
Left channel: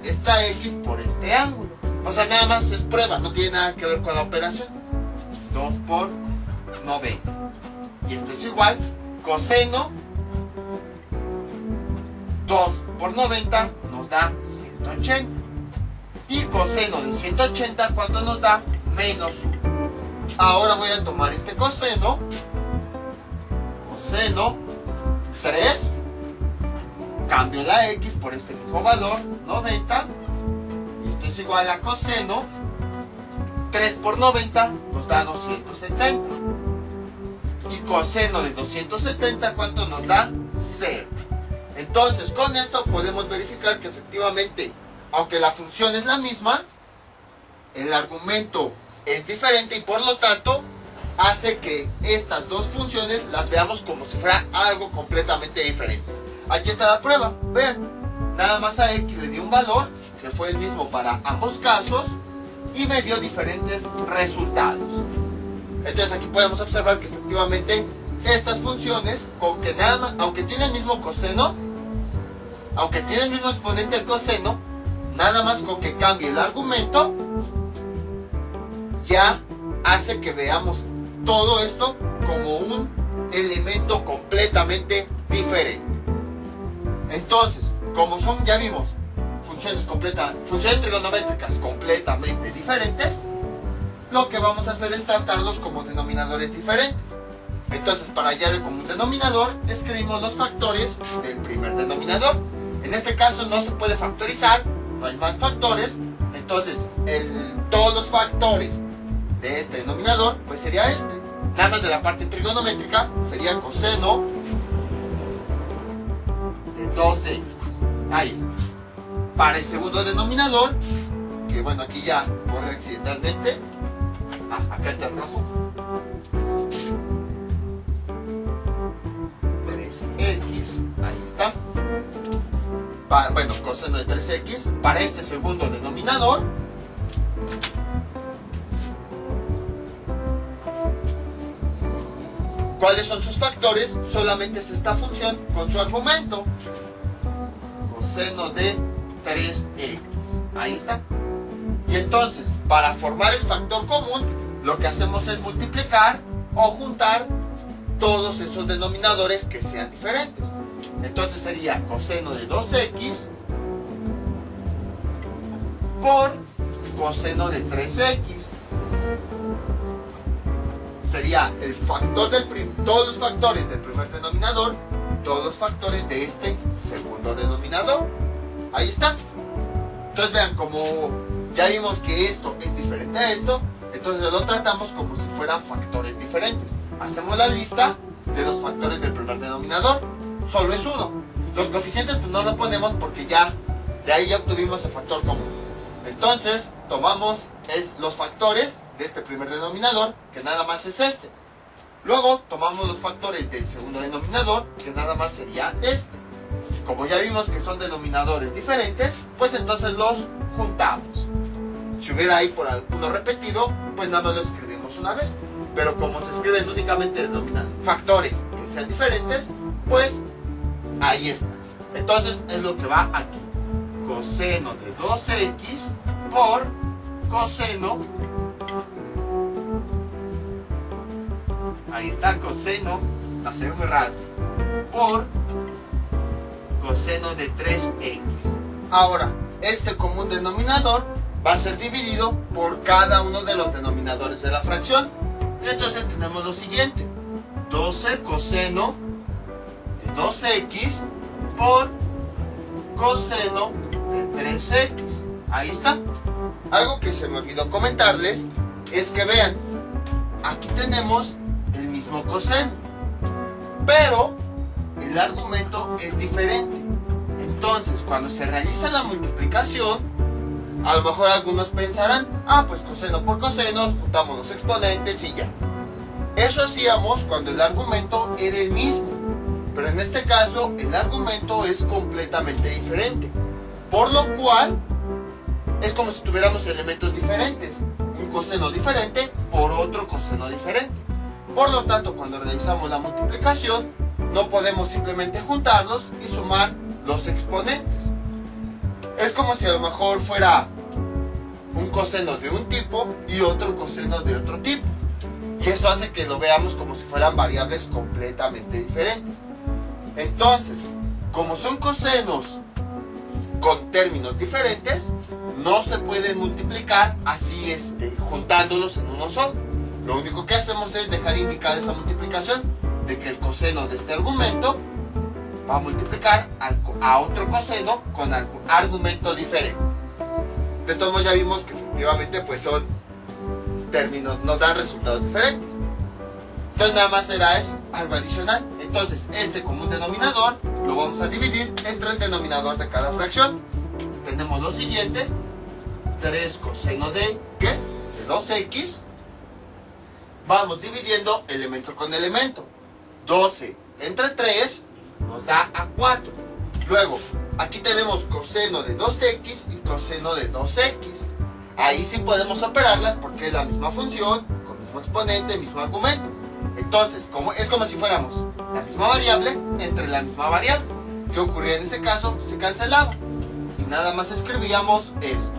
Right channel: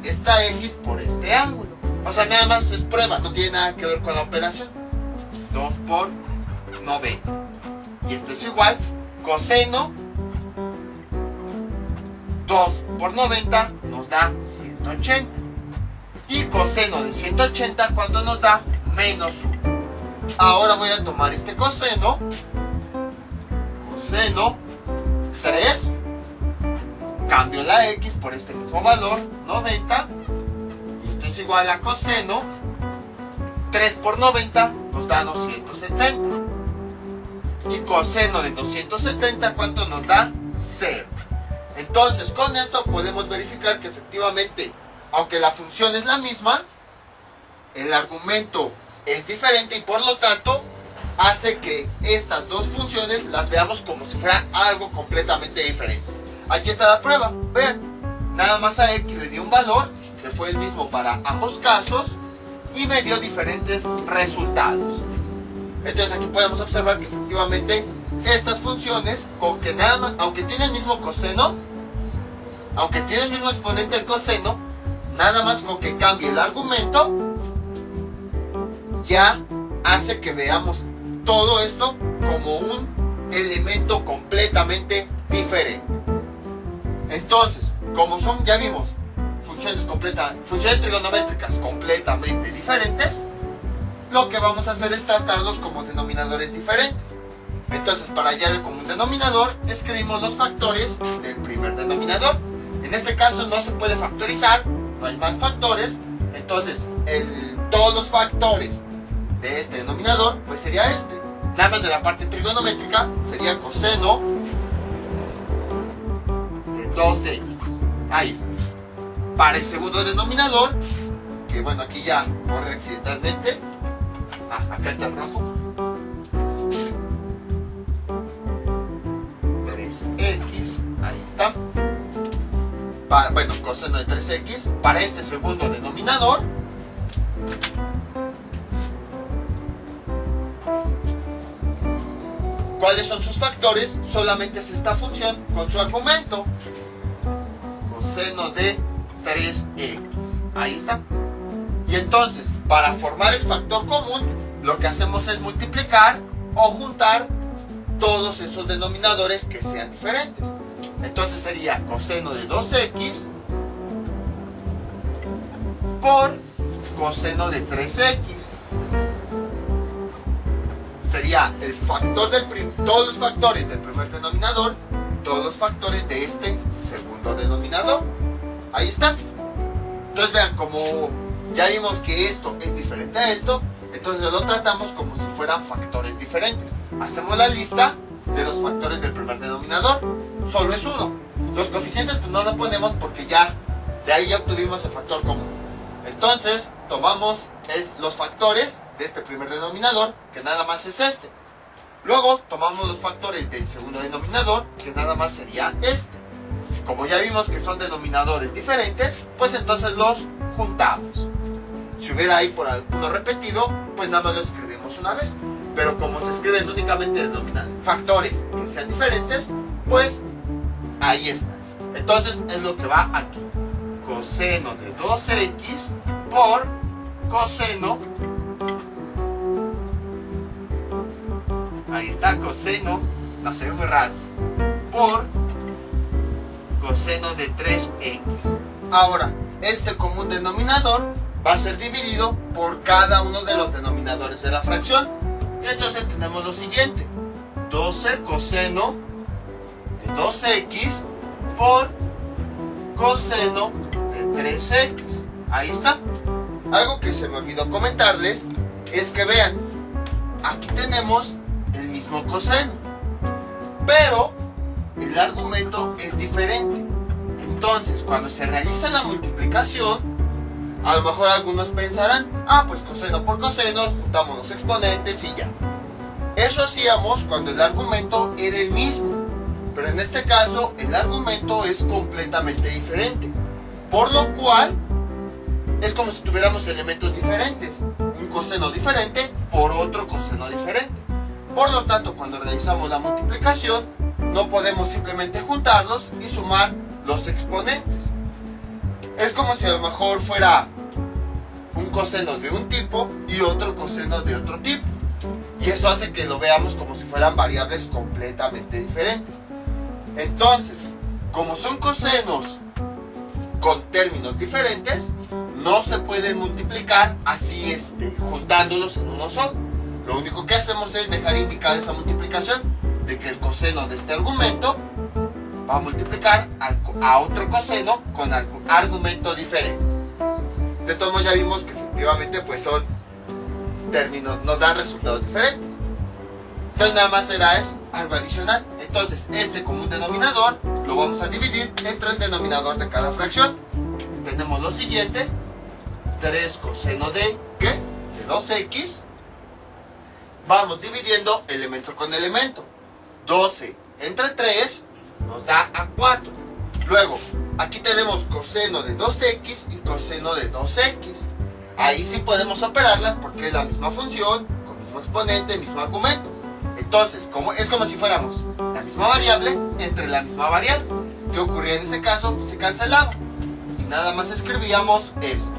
esta x por este ángulo. O sea, nada más es prueba, no tiene nada que ver con la operación. 2 por 90. Y esto es igual, coseno 2 por 90 nos da 180. Y coseno de 180, ¿cuánto nos da? Menos 1. Ahora voy a tomar este coseno 3, cambio la x por este mismo valor, 90, y esto es igual a coseno 3 por 90 nos da 270, y coseno de 270, ¿cuánto nos da? 0. Entonces, con esto podemos verificar que efectivamente, aunque la función es la misma, el argumento es diferente y por lo tanto hace que estas dos funciones las veamos como si fuera algo completamente diferente. Aquí está la prueba, vean, nada más a x le dio un valor que fue el mismo para ambos casos y me dio diferentes resultados. Entonces aquí podemos observar que efectivamente estas funciones, con que nada más, aunque tiene el mismo coseno, aunque tiene el mismo exponente el coseno, nada más con que cambie el argumento ya hace que veamos todo esto como un elemento completamente diferente. Entonces, como son, ya vimos, funciones trigonométricas completamente diferentes, lo que vamos a hacer es tratarlos como denominadores diferentes. Entonces, para hallar el común denominador, escribimos los factores del primer denominador. En este caso no se puede factorizar, no hay más factores, entonces todos los factores de este denominador pues sería este. Nada más de la parte trigonométrica sería coseno de 2x. Ahí está. Para el segundo denominador, que bueno, aquí ya borré accidentalmente. Acá está el rojo. 3x, ahí está. Bueno, coseno de 3x. Para este segundo denominador, ¿cuáles son sus factores? Solamente es esta función con su argumento. Coseno de 3x. Ahí está. Y entonces, para formar el factor común, lo que hacemos es multiplicar o juntar todos esos denominadores que sean diferentes. Entonces sería coseno de 2x por coseno de 3x. Sería el factor todos los factores del primer denominador y todos los factores de este segundo denominador. Ahí está. Entonces vean, como ya vimos que esto es diferente a esto, entonces lo tratamos como si fueran factores diferentes. Hacemos la lista de los factores del primer denominador. Solo es uno. Los coeficientes pues no lo ponemos porque ya de ahí ya obtuvimos el factor común. Entonces tomamos los factores de este primer denominador, que nada más es este. Luego tomamos los factores del segundo denominador, que nada más sería este. Como ya vimos que son denominadores diferentes, pues entonces los juntamos. Si hubiera ahí por alguno repetido, pues nada más lo escribimos una vez. Pero como se escriben únicamente factores que sean diferentes, pues ahí está. Entonces es lo que va aquí. Coseno de 2x por coseno, ahí está, coseno, no se ve muy raro, por coseno de 3x. Ahora, este común denominador va a ser dividido por cada uno de los denominadores de la fracción. Y entonces tenemos lo siguiente: 12 coseno de 2x por coseno de 3x. Ahí está. Algo que se me olvidó comentarles es que vean, aquí tenemos el mismo coseno, pero el argumento es diferente. Entonces, cuando se realiza la multiplicación, a lo mejor algunos pensarán, pues coseno por coseno, juntamos los exponentes y ya. Eso hacíamos cuando el argumento era el mismo. Pero en este caso el argumento es completamente diferente, por lo cual es como si tuviéramos elementos diferentes, un coseno diferente por otro coseno diferente. Por lo tanto, cuando realizamos la multiplicación, no podemos simplemente juntarlos y sumar los exponentes. Es como si a lo mejor fuera un coseno de un tipo y otro coseno de otro tipo. Y eso hace que lo veamos como si fueran variables completamente diferentes. Entonces, como son cosenos con términos diferentes, no se pueden multiplicar así juntándolos en uno solo. Lo único que hacemos es dejar indicada esa multiplicación de que el coseno de este argumento va a multiplicar a otro coseno con argumento diferente. De todos modos ya vimos que efectivamente pues son términos, nos dan resultados diferentes. Entonces nada más será eso, algo adicional. Entonces este común denominador lo vamos a dividir entre el denominador de cada fracción. Tenemos lo siguiente: 3 coseno de ¿qué? De 2x. Vamos dividiendo elemento con elemento. 12 entre 3 nos da a 4. Luego, aquí tenemos coseno de 2x y coseno de 2x. Ahí sí podemos operarlas porque es la misma función, con mismo exponente, mismo argumento. Entonces, es como si fuéramos la misma variable entre la misma variable. ¿Qué ocurría en ese caso? Se cancelaba. Y nada más escribíamos esto:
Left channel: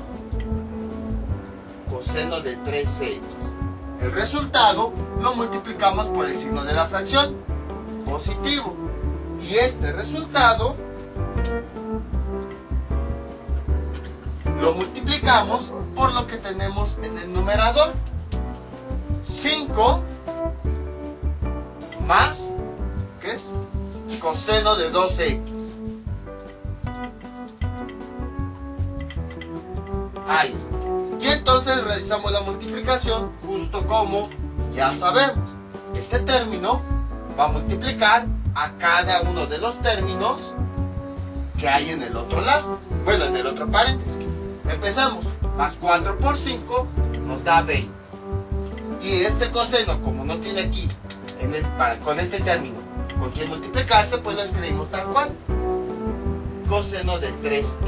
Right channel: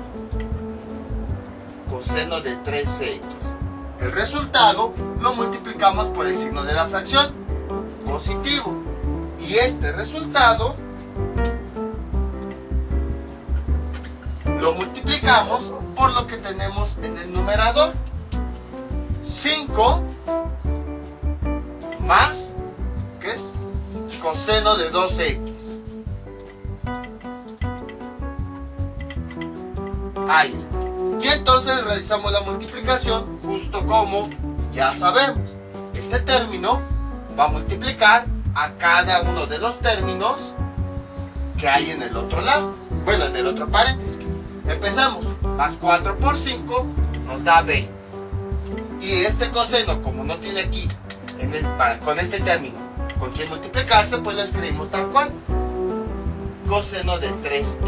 coseno de 3x. El resultado lo multiplicamos por el signo de la fracción, positivo. Y este resultado lo multiplicamos por lo que tenemos en el numerador. 5 más, ¿qué es? Coseno de 2x. Ahí está. Y entonces realizamos la multiplicación justo como ya sabemos. Este término va a multiplicar a cada uno de los términos que hay en el otro lado. Bueno, en el otro paréntesis. Empezamos. Más 4 por 5 nos da 20. Y este coseno, como no tiene aquí con este término con quien multiplicarse, pues lo escribimos tal cual: coseno de 3x.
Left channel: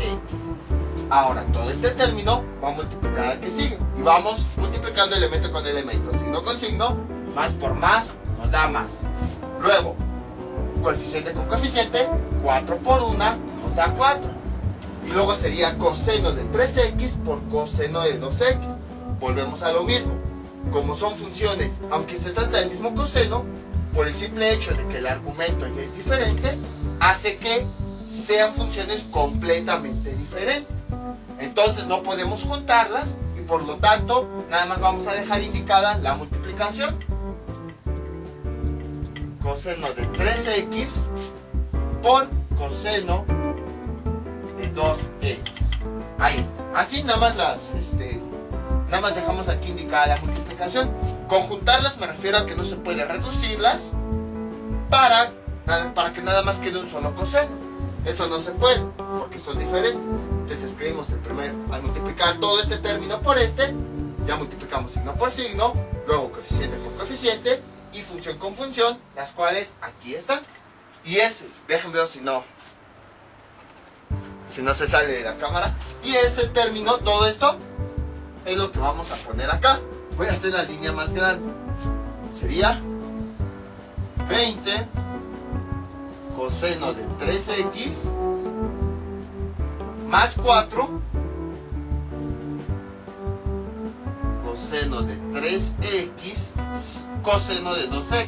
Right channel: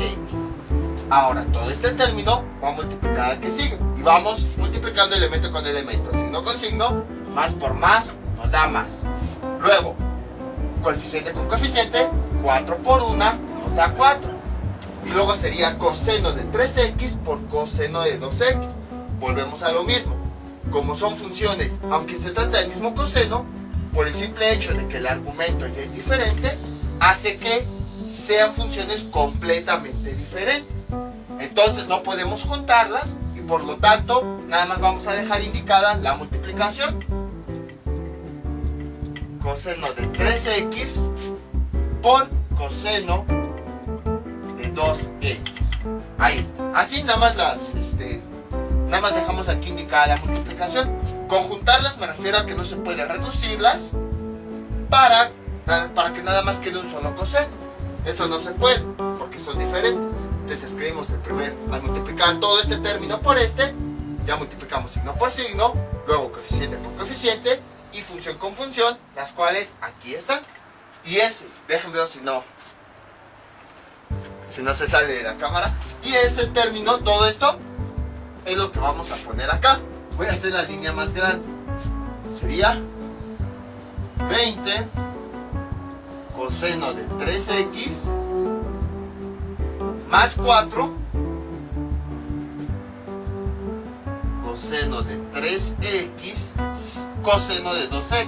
Ahora todo este término va a multiplicar al que sigue. Y vamos multiplicando elemento con elemento, signo con signo, más por más nos da más. Luego, coeficiente con coeficiente, 4 por 1 nos da 4. Y luego sería coseno de 3x por coseno de 2x. Volvemos a lo mismo. Como son funciones, aunque se trata del mismo coseno, por el simple hecho de que el argumento ya es diferente, hace que sean funciones completamente diferentes. Entonces no podemos juntarlas y por lo tanto nada más vamos a dejar indicada la multiplicación. Coseno de 3x por coseno de 2x. Ahí está. Así nada más nada más dejamos aquí indicada la multiplicación. Conjuntarlas me refiero a que no se puede reducirlas para que nada más quede un solo coseno. Eso no se puede porque son diferentes. Entonces escribimos al multiplicar todo este término por este, ya multiplicamos signo por signo, luego coeficiente por coeficiente y función con función, las cuales aquí están. Y déjenme ver si no se sale de la cámara. Y ese término, todo esto, es lo que vamos a poner acá. Voy a hacer la línea más grande. Sería 20 coseno de 3x más 4 coseno de 3x coseno de 2x.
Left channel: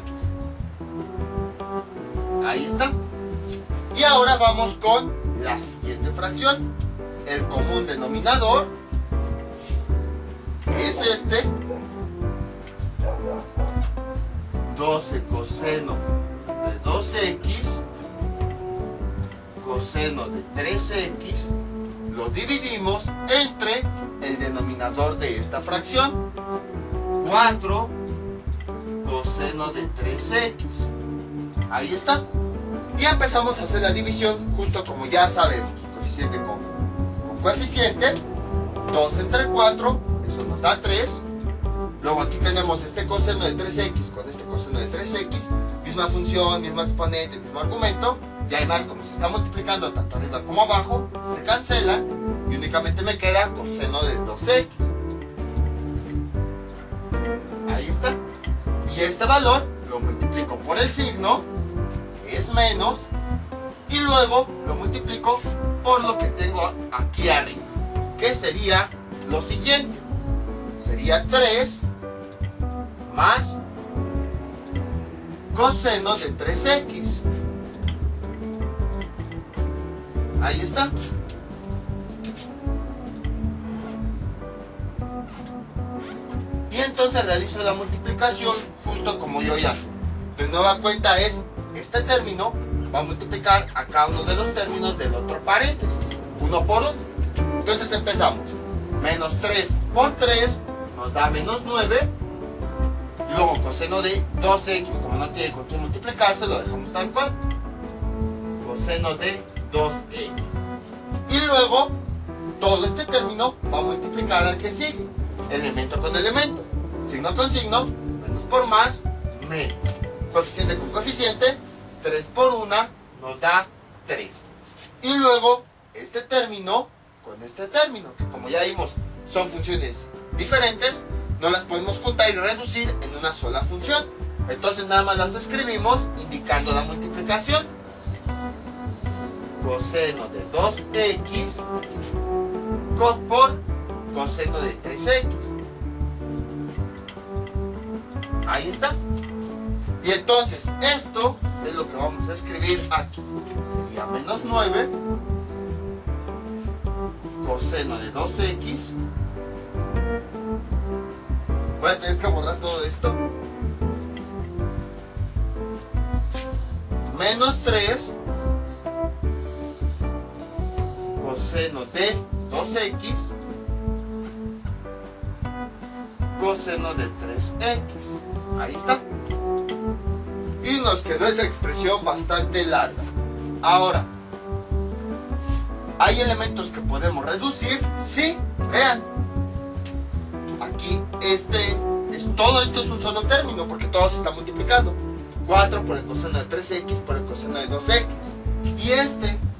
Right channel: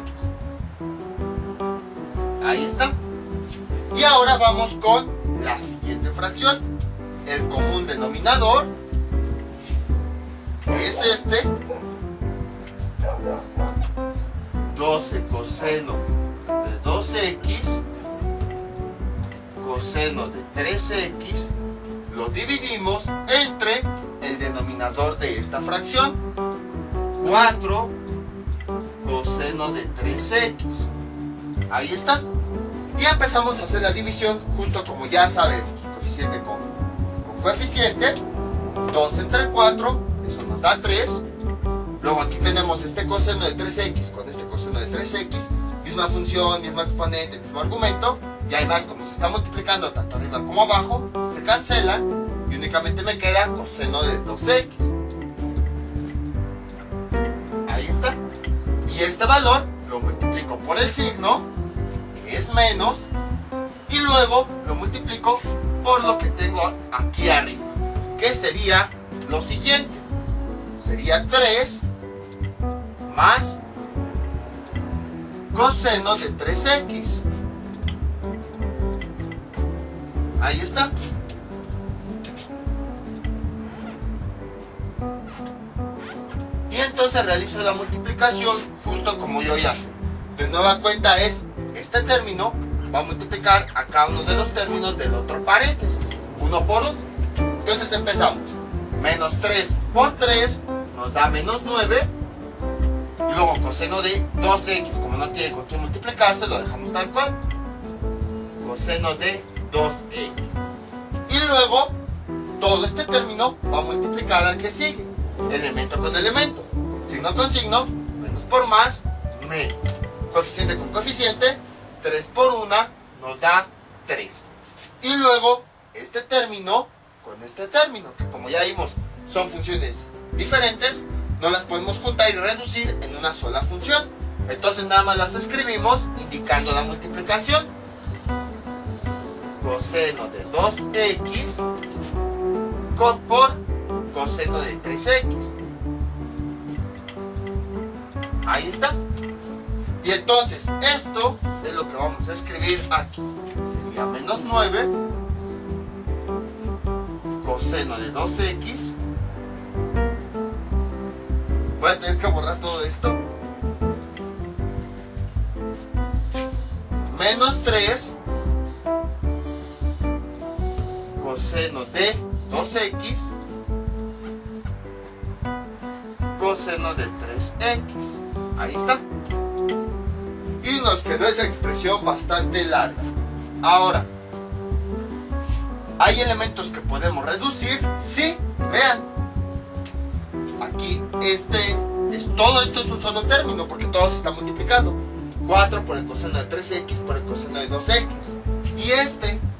Ahí está. Y ahora vamos con la siguiente fracción. El común denominador es 12 coseno de 2x coseno de 3x. Lo dividimos entre el denominador de esta fracción, 4 coseno de 3x. Ahí está. Y empezamos a hacer la división justo como ya sabemos, coeficiente con coeficiente, 2 entre 4, eso nos da 3. Luego aquí tenemos este coseno de 3x con este coseno de 3x, y misma función, mismo exponente, mismo argumento. Y además, como se está multiplicando tanto arriba como abajo, se cancelan y únicamente me queda coseno de 2x. Ahí está. Y este valor lo multiplico por el signo, que es menos, y luego lo multiplico por lo que tengo aquí arriba, que sería lo siguiente. Sería 3 más coseno de 3x. Ahí está. Y entonces realizo la multiplicación justo como yo ya sé. De nueva cuenta es este término va a multiplicar a cada uno de los términos del otro paréntesis, uno por uno. Entonces empezamos. Menos 3 por 3 nos da menos 9. Y luego coseno de 2x, como no tiene con qué multiplicarse, lo dejamos tal cual. Coseno de 2x. Y luego todo este término va a multiplicar al que sigue, elemento con elemento, signo con signo, menos por más, menos, coeficiente con coeficiente, 3 por 1 nos da 3. Y luego este término con este término, que como ya vimos son funciones diferentes, no las podemos juntar y reducir en una sola función. Entonces nada más las escribimos indicando la multiplicación. Coseno de 2x por coseno de 3x. Ahí está. Y entonces esto es lo que vamos a escribir aquí. Sería menos 9 coseno de 2x. Voy a tener que borrar todo esto. Menos 3 coseno de 2x coseno de 3x. Ahí está. Y nos quedó esa expresión bastante larga. Ahora, ¿hay elementos que podemos reducir? Sí, vean. Aquí todo esto es un solo término porque todo se está multiplicando. 4 por el coseno de 3x por el coseno de 2x. Y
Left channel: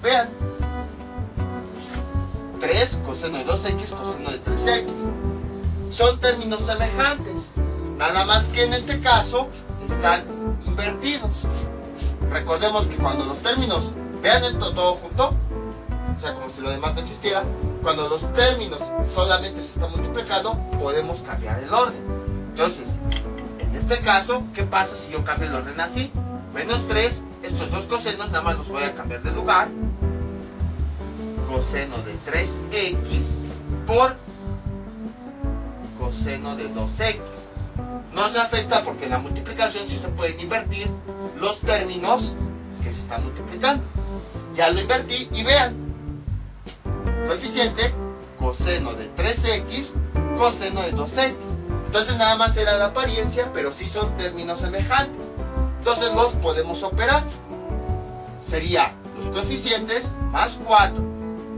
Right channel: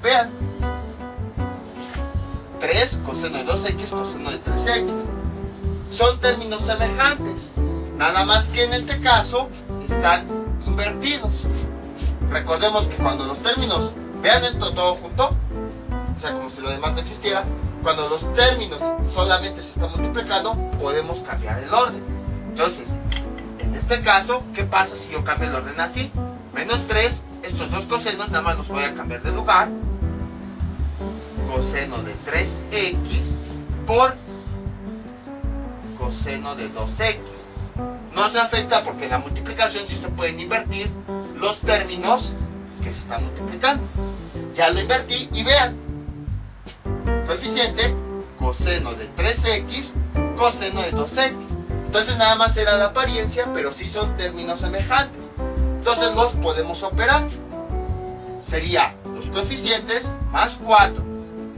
vean. 3 coseno de 2x coseno de 3x. Son términos semejantes. Nada más que en este caso están invertidos. Recordemos que cuando los términos, vean esto todo junto, o sea, como si lo demás no existiera, cuando los términos solamente se están multiplicando, podemos cambiar el orden. Entonces, en este caso, ¿qué pasa si yo cambio el orden así? Menos 3, estos dos cosenos nada más los voy a cambiar de lugar. Coseno de 3x por coseno de 2x. No se afecta porque en la multiplicación sí se pueden invertir los términos que se están multiplicando. Ya lo invertí y vean. Coeficiente coseno de 3x coseno de 2x. Entonces nada más era la apariencia, pero sí son términos semejantes. Entonces los podemos operar. Sería los coeficientes más 4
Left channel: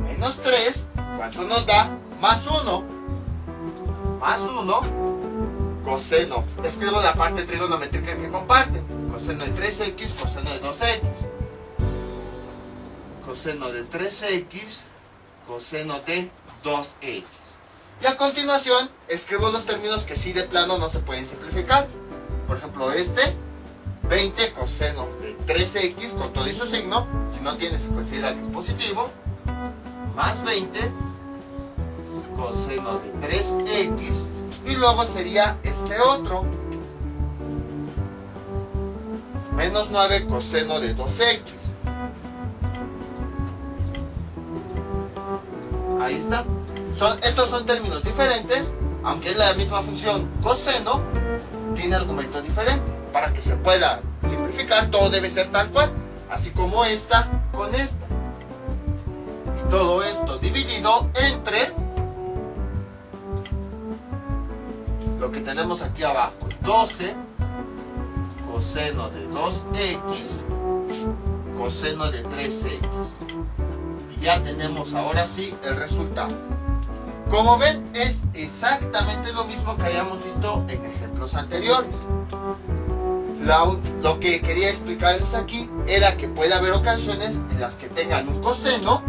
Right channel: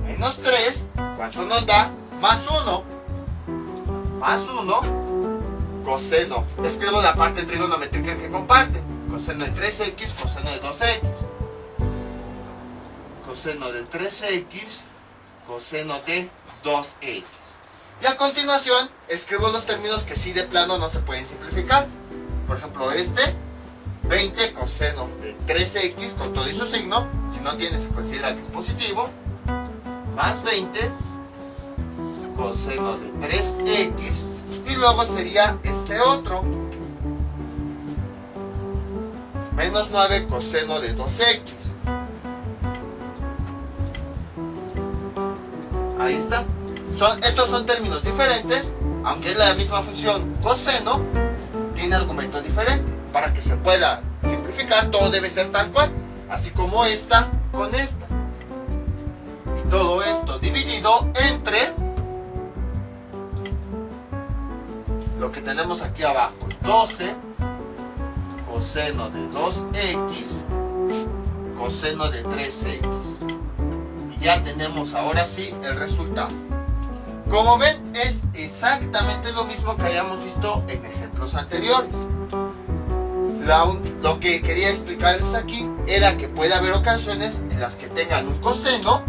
menos 3. ¿Cuánto nos da? Más 1. Más 1. Coseno. Escribo la parte trigonométrica que comparten. Coseno de 3x, coseno de 2x. Coseno de 3x, coseno de 2x. Y a continuación escribo los términos que sí de plano no se pueden simplificar. Por ejemplo 20 coseno de 3x con todo y su signo, si no tiene se considera que es positivo, más 20 coseno de 3x, y luego sería este otro, menos 9 coseno de 2x. Ahí está. Estos son términos diferentes, aunque es la misma función coseno, tiene argumento diferente. Para que se pueda simplificar, todo debe ser tal cual, así como esta con esta. Y todo esto dividido entre lo que tenemos aquí abajo, 12 coseno de 2x coseno de 3x. Y ya tenemos ahora sí el resultado. Como ven, es exactamente lo mismo que habíamos visto en ejemplos anteriores. Lo que quería explicarles aquí era que puede haber ocasiones en las que tengan un coseno,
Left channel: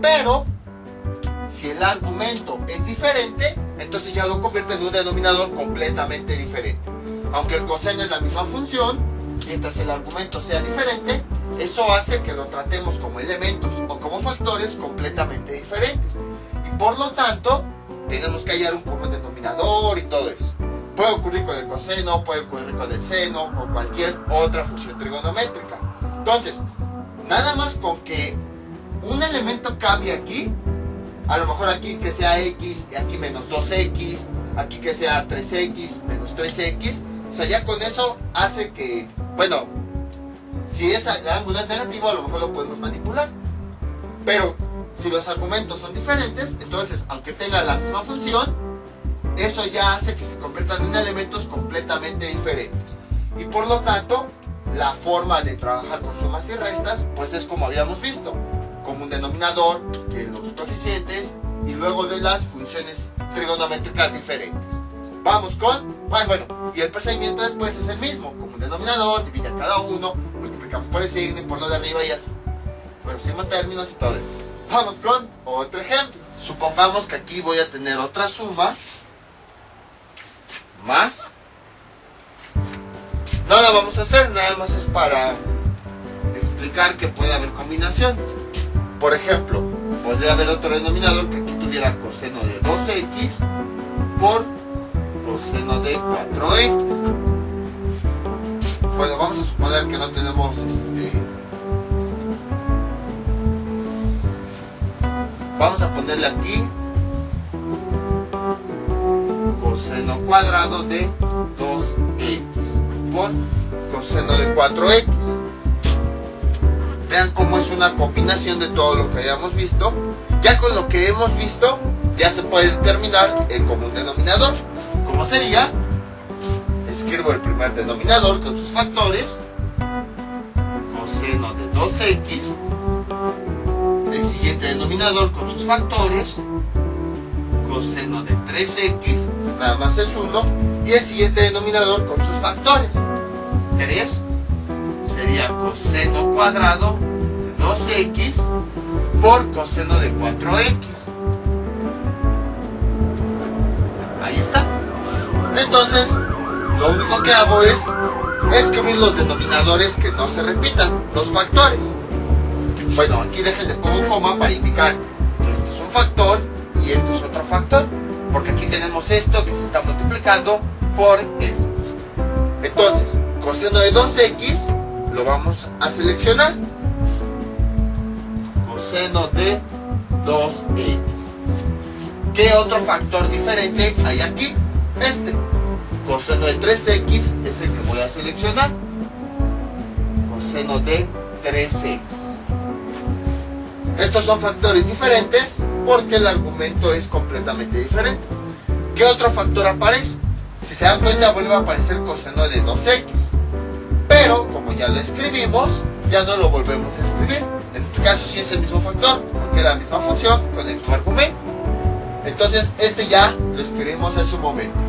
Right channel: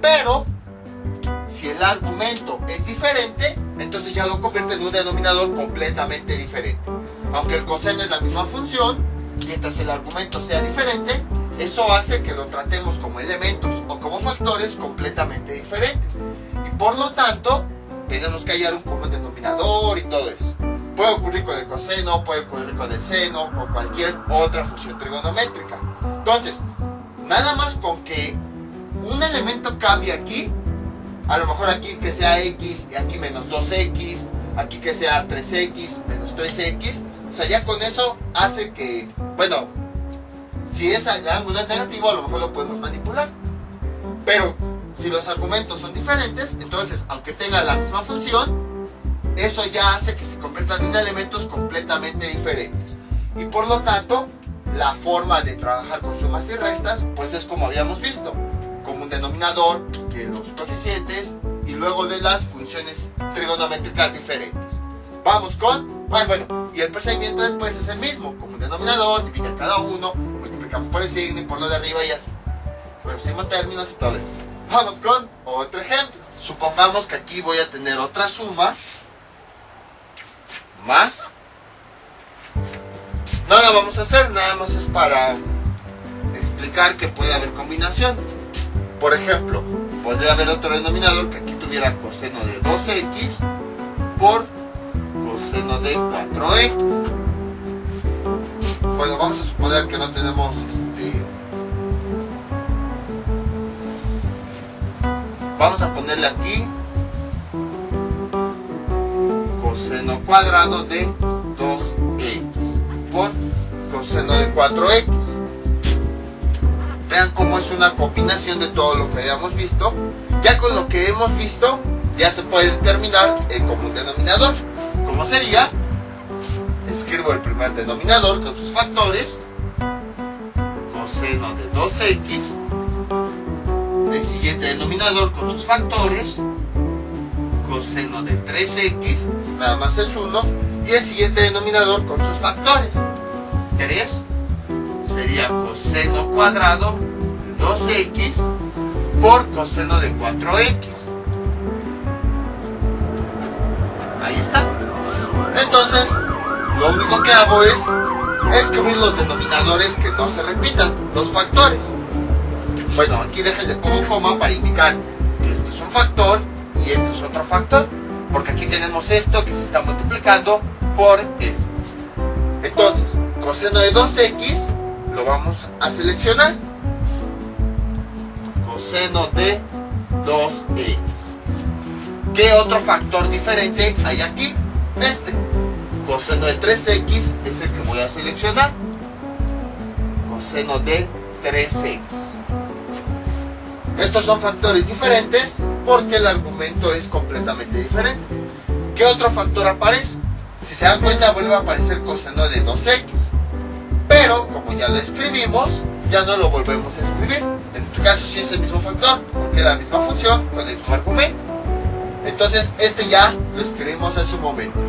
pero si el argumento es diferente, entonces ya lo convierte en un denominador completamente diferente. Aunque el coseno es la misma función, mientras el argumento sea diferente, eso hace que lo tratemos como elementos o como factores completamente diferentes. Y por lo tanto, tenemos que hallar un común denominador y todo eso. Puede ocurrir con el coseno, puede ocurrir con el seno, con cualquier otra función trigonométrica. Entonces, nada más con que un elemento cambie aquí, a lo mejor aquí que sea x y aquí menos 2x, aquí que sea 3x menos 3x, o sea, ya con eso hace que, bueno, si el ángulo es negativo, a lo mejor lo podemos manipular. Pero si los argumentos son diferentes, entonces, aunque tenga la misma función, eso ya hace que se conviertan en elementos completamente diferentes. Y por lo tanto, la forma de trabajar con sumas y restas, pues es como habíamos visto, como un denominador de los coeficientes y luego de las funciones trigonométricas diferentes. Vamos con, bueno, y el procedimiento después es el mismo, como un denominador, divide a cada uno, multiplicamos por el signo y por lo de arriba y así. Reducimos términos y todo eso. Vamos con otro ejemplo. Supongamos que aquí voy a tener otra suma más. No la vamos a hacer, nada más es para explicar que puede haber combinación. Por ejemplo, podría haber otro denominador que aquí tuviera coseno de 2x por coseno de 4x. Bueno, vamos a suponer que no tenemos vamos a ponerle aquí coseno cuadrado de 2x por coseno de 4x. Vean cómo es una combinación de todo lo que habíamos visto. Ya con lo que hemos visto, ya se puede determinar el común denominador. ¿Cómo sería? Escribo el primer denominador con sus factores, coseno de 2x, el siguiente denominador con sus factores, coseno de 3x, nada más es 1, y el siguiente denominador con sus factores, 3, sería coseno cuadrado de 2x por coseno de 4x. Ahí está. Entonces, lo único que hago es escribir los denominadores que no se repitan, los factores. Bueno, aquí déjenle pongo coma para indicar que este es un factor y este es otro factor, porque aquí tenemos esto que se está multiplicando por esto. Entonces, coseno de 2x lo vamos a seleccionar. Coseno de 2x. ¿Qué otro factor diferente hay aquí? Este. Coseno de 3x es el que voy a seleccionar. Coseno de 3x. Estos son factores diferentes porque el argumento es completamente diferente. ¿Qué otro factor aparece? Si se dan cuenta, vuelve a aparecer coseno de 2x. Pero, como ya lo escribimos, ya no lo volvemos a escribir. En este caso sí es el mismo factor, porque es la misma función con el mismo argumento. Entonces, este ya lo escribimos en su momento.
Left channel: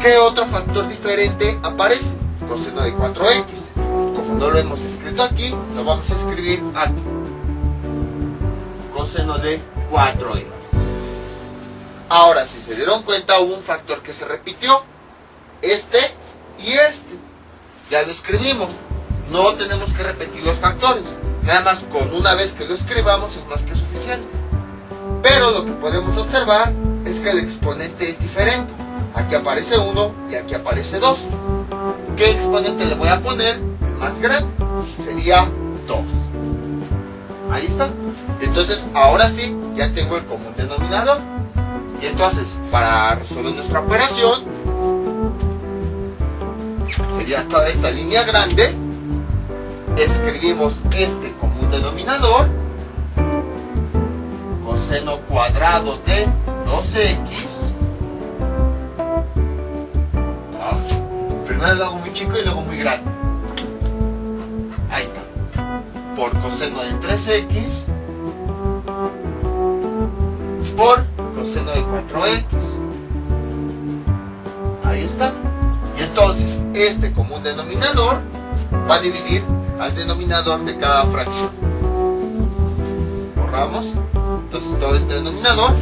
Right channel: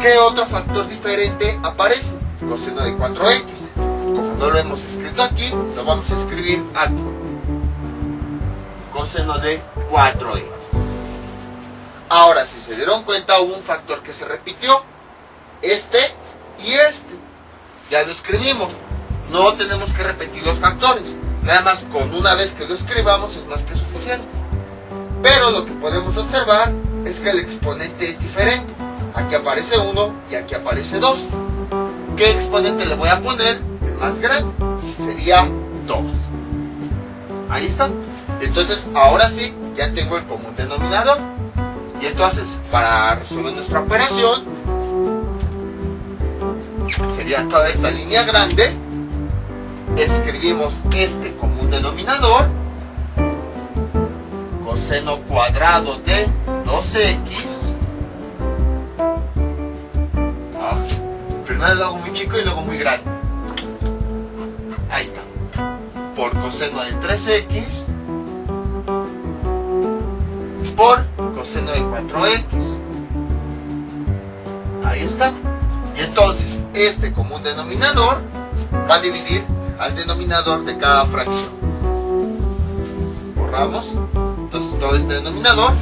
¿Qué otro factor diferente aparece? Coseno de 4x. Como no lo hemos escrito aquí, lo vamos a escribir aquí. Coseno de 4x. Ahora, si se dieron cuenta, hubo un factor que se repitió. Este y este. Ya lo escribimos. No tenemos que repetir los factores. Nada más con una vez que lo escribamos es más que suficiente. Pero lo que podemos observar es que el exponente es diferente. Aquí aparece 1 y aquí aparece 2. ¿Qué exponente le voy a poner? El más grande. Sería 2. Ahí está. Entonces, ahora sí, ya tengo el común denominador. Y entonces, para resolver nuestra operación, sería toda esta línea grande. Escribimos este común denominador. Coseno cuadrado de 2x. Primero lo hago muy chico y luego muy grande. Ahí está. Por coseno de 3x. Por coseno de 4x. Ahí está. Y entonces este común denominador va a dividir al denominador de cada fracción. Borramos. Entonces todo este denominador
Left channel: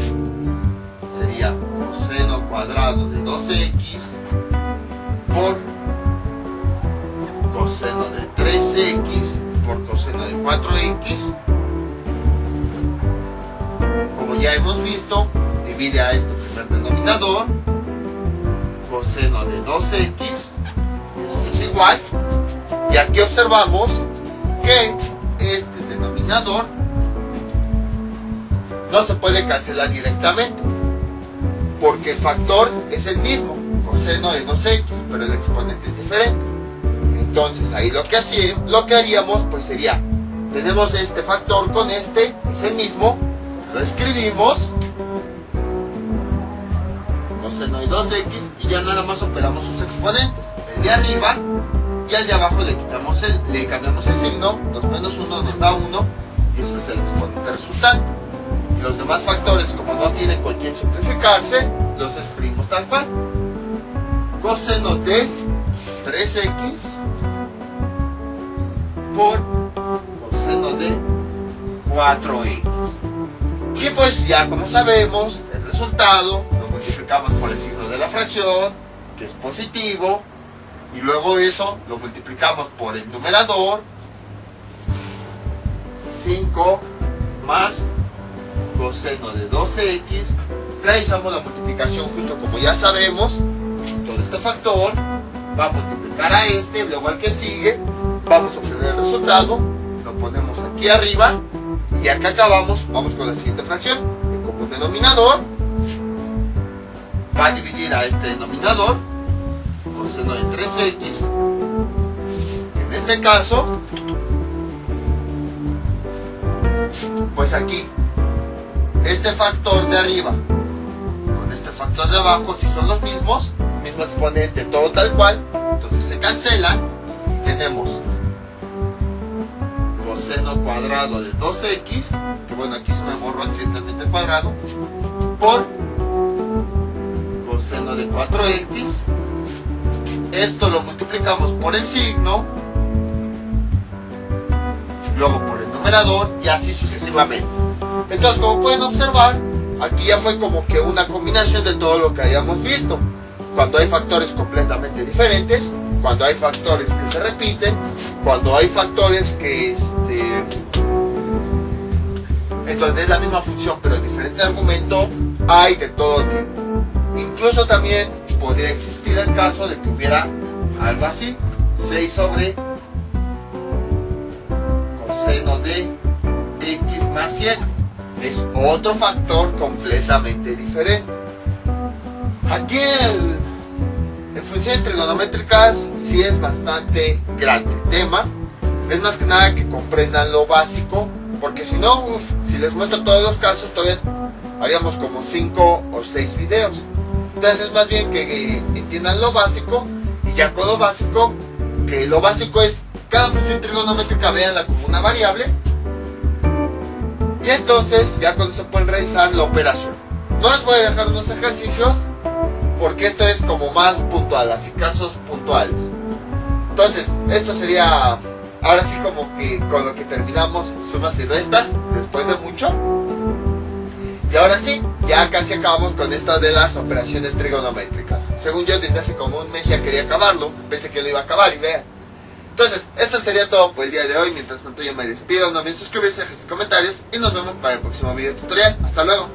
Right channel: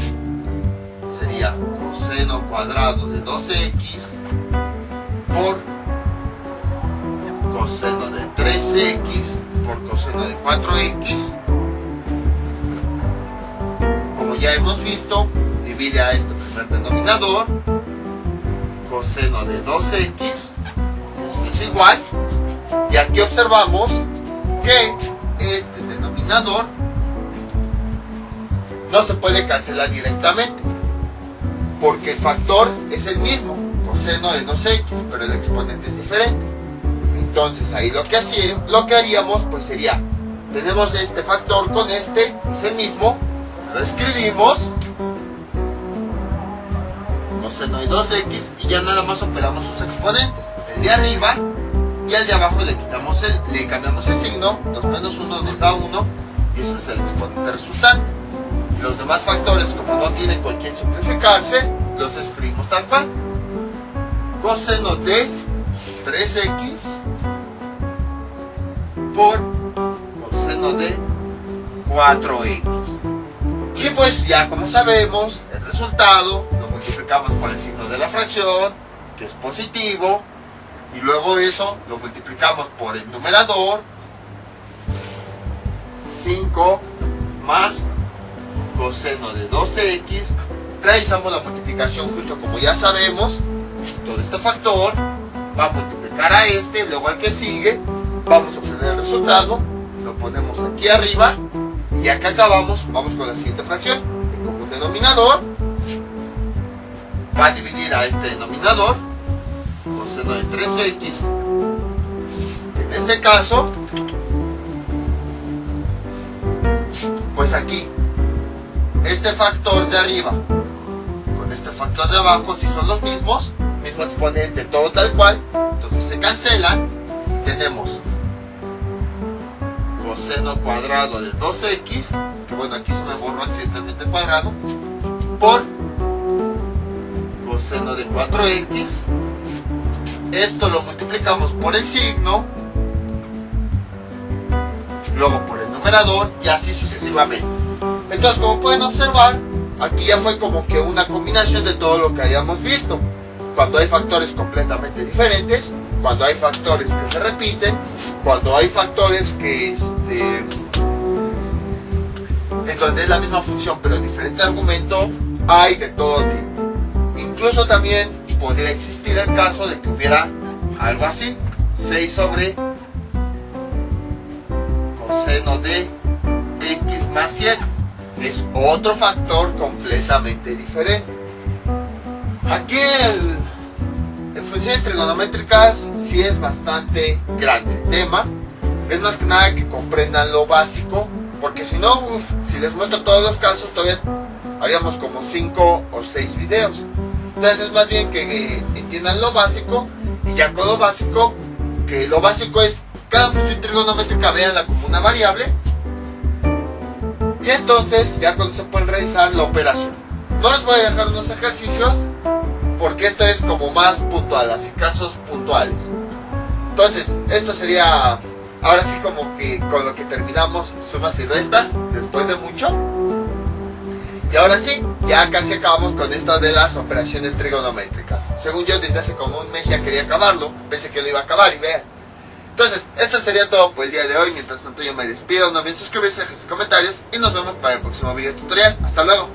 sería coseno cuadrado de 2x por coseno de 3x por coseno de 4x. Como ya hemos visto, divide a este primer denominador. Coseno de 2x, esto es igual. Y aquí observamos que este denominador no se puede cancelar directamente, porque el factor es el mismo, coseno de 2x, pero el exponente es diferente. Entonces ahí lo que haríamos pues sería, tenemos este factor con este, es el mismo, lo escribimos, coseno de 2x, y ya nada más operamos sus exponentes, el de arriba y al de abajo le cambiamos el signo, 2 menos 1 nos da 1, y ese es el exponente resultante. Y los demás factores, como no tienen con quién simplificarse, los escribimos tal cual. Coseno de 3x por coseno de 4x. Y pues ya como sabemos, el resultado lo multiplicamos por el signo de la fracción, que es positivo, y luego eso lo multiplicamos por el numerador, 5 más coseno de 12x, realizamos la multiplicación justo como ya sabemos, todo este factor va a multiplicar a este, luego al que sigue, vamos a obtener el resultado, lo ponemos aquí arriba, y ya que acabamos, vamos con la siguiente fracción. El común denominador va a dividir a este denominador, coseno de 3x, en este caso, pues aquí, este factor de arriba con este factor de abajo, si son los mismos, mismo exponente, todo tal cual, entonces se cancelan y tenemos coseno cuadrado de 2x, que bueno, aquí se me borró accidentalmente el cuadrado, por coseno de 4x. Esto lo multiplicamos por el signo, luego por el numerador y así sucesivamente. Entonces, como pueden observar, aquí ya fue como que una combinación de todo lo que habíamos visto. Cuando hay factores completamente diferentes, cuando hay factores que se repiten, cuando hay factores que entonces es la misma función pero diferente argumento, hay de todo tipo. Incluso también podría existir el caso de que hubiera algo así, 6 sobre coseno de x más 7. Es otro factor completamente diferente. Aquí en funciones trigonométricas sí es bastante grande el tema. Es más que nada que comprendan lo básico, porque si no, si les muestro todos los casos, todavía haríamos como 5 o 6 videos. Entonces es más bien que entiendan lo básico, y ya con lo básico, que lo básico es cada función trigonométrica, véanla como una variable, y entonces ya cuando se pueden realizar la operación. No les voy a dejar unos ejercicios porque esto es como más puntual, así casos puntuales. Entonces esto sería ahora sí como que con lo que terminamos sumas y restas después de mucho. Y ahora sí, ya casi acabamos con esta de las operaciones trigonométricas. Según yo, desde hace como un mes ya quería acabarlo, pensé que lo iba a acabar y vean. Entonces, esto sería todo por el día de hoy. Mientras tanto yo me despido, no olviden suscribirse, dejar sus comentarios y nos vemos para el próximo video tutorial. Hasta luego.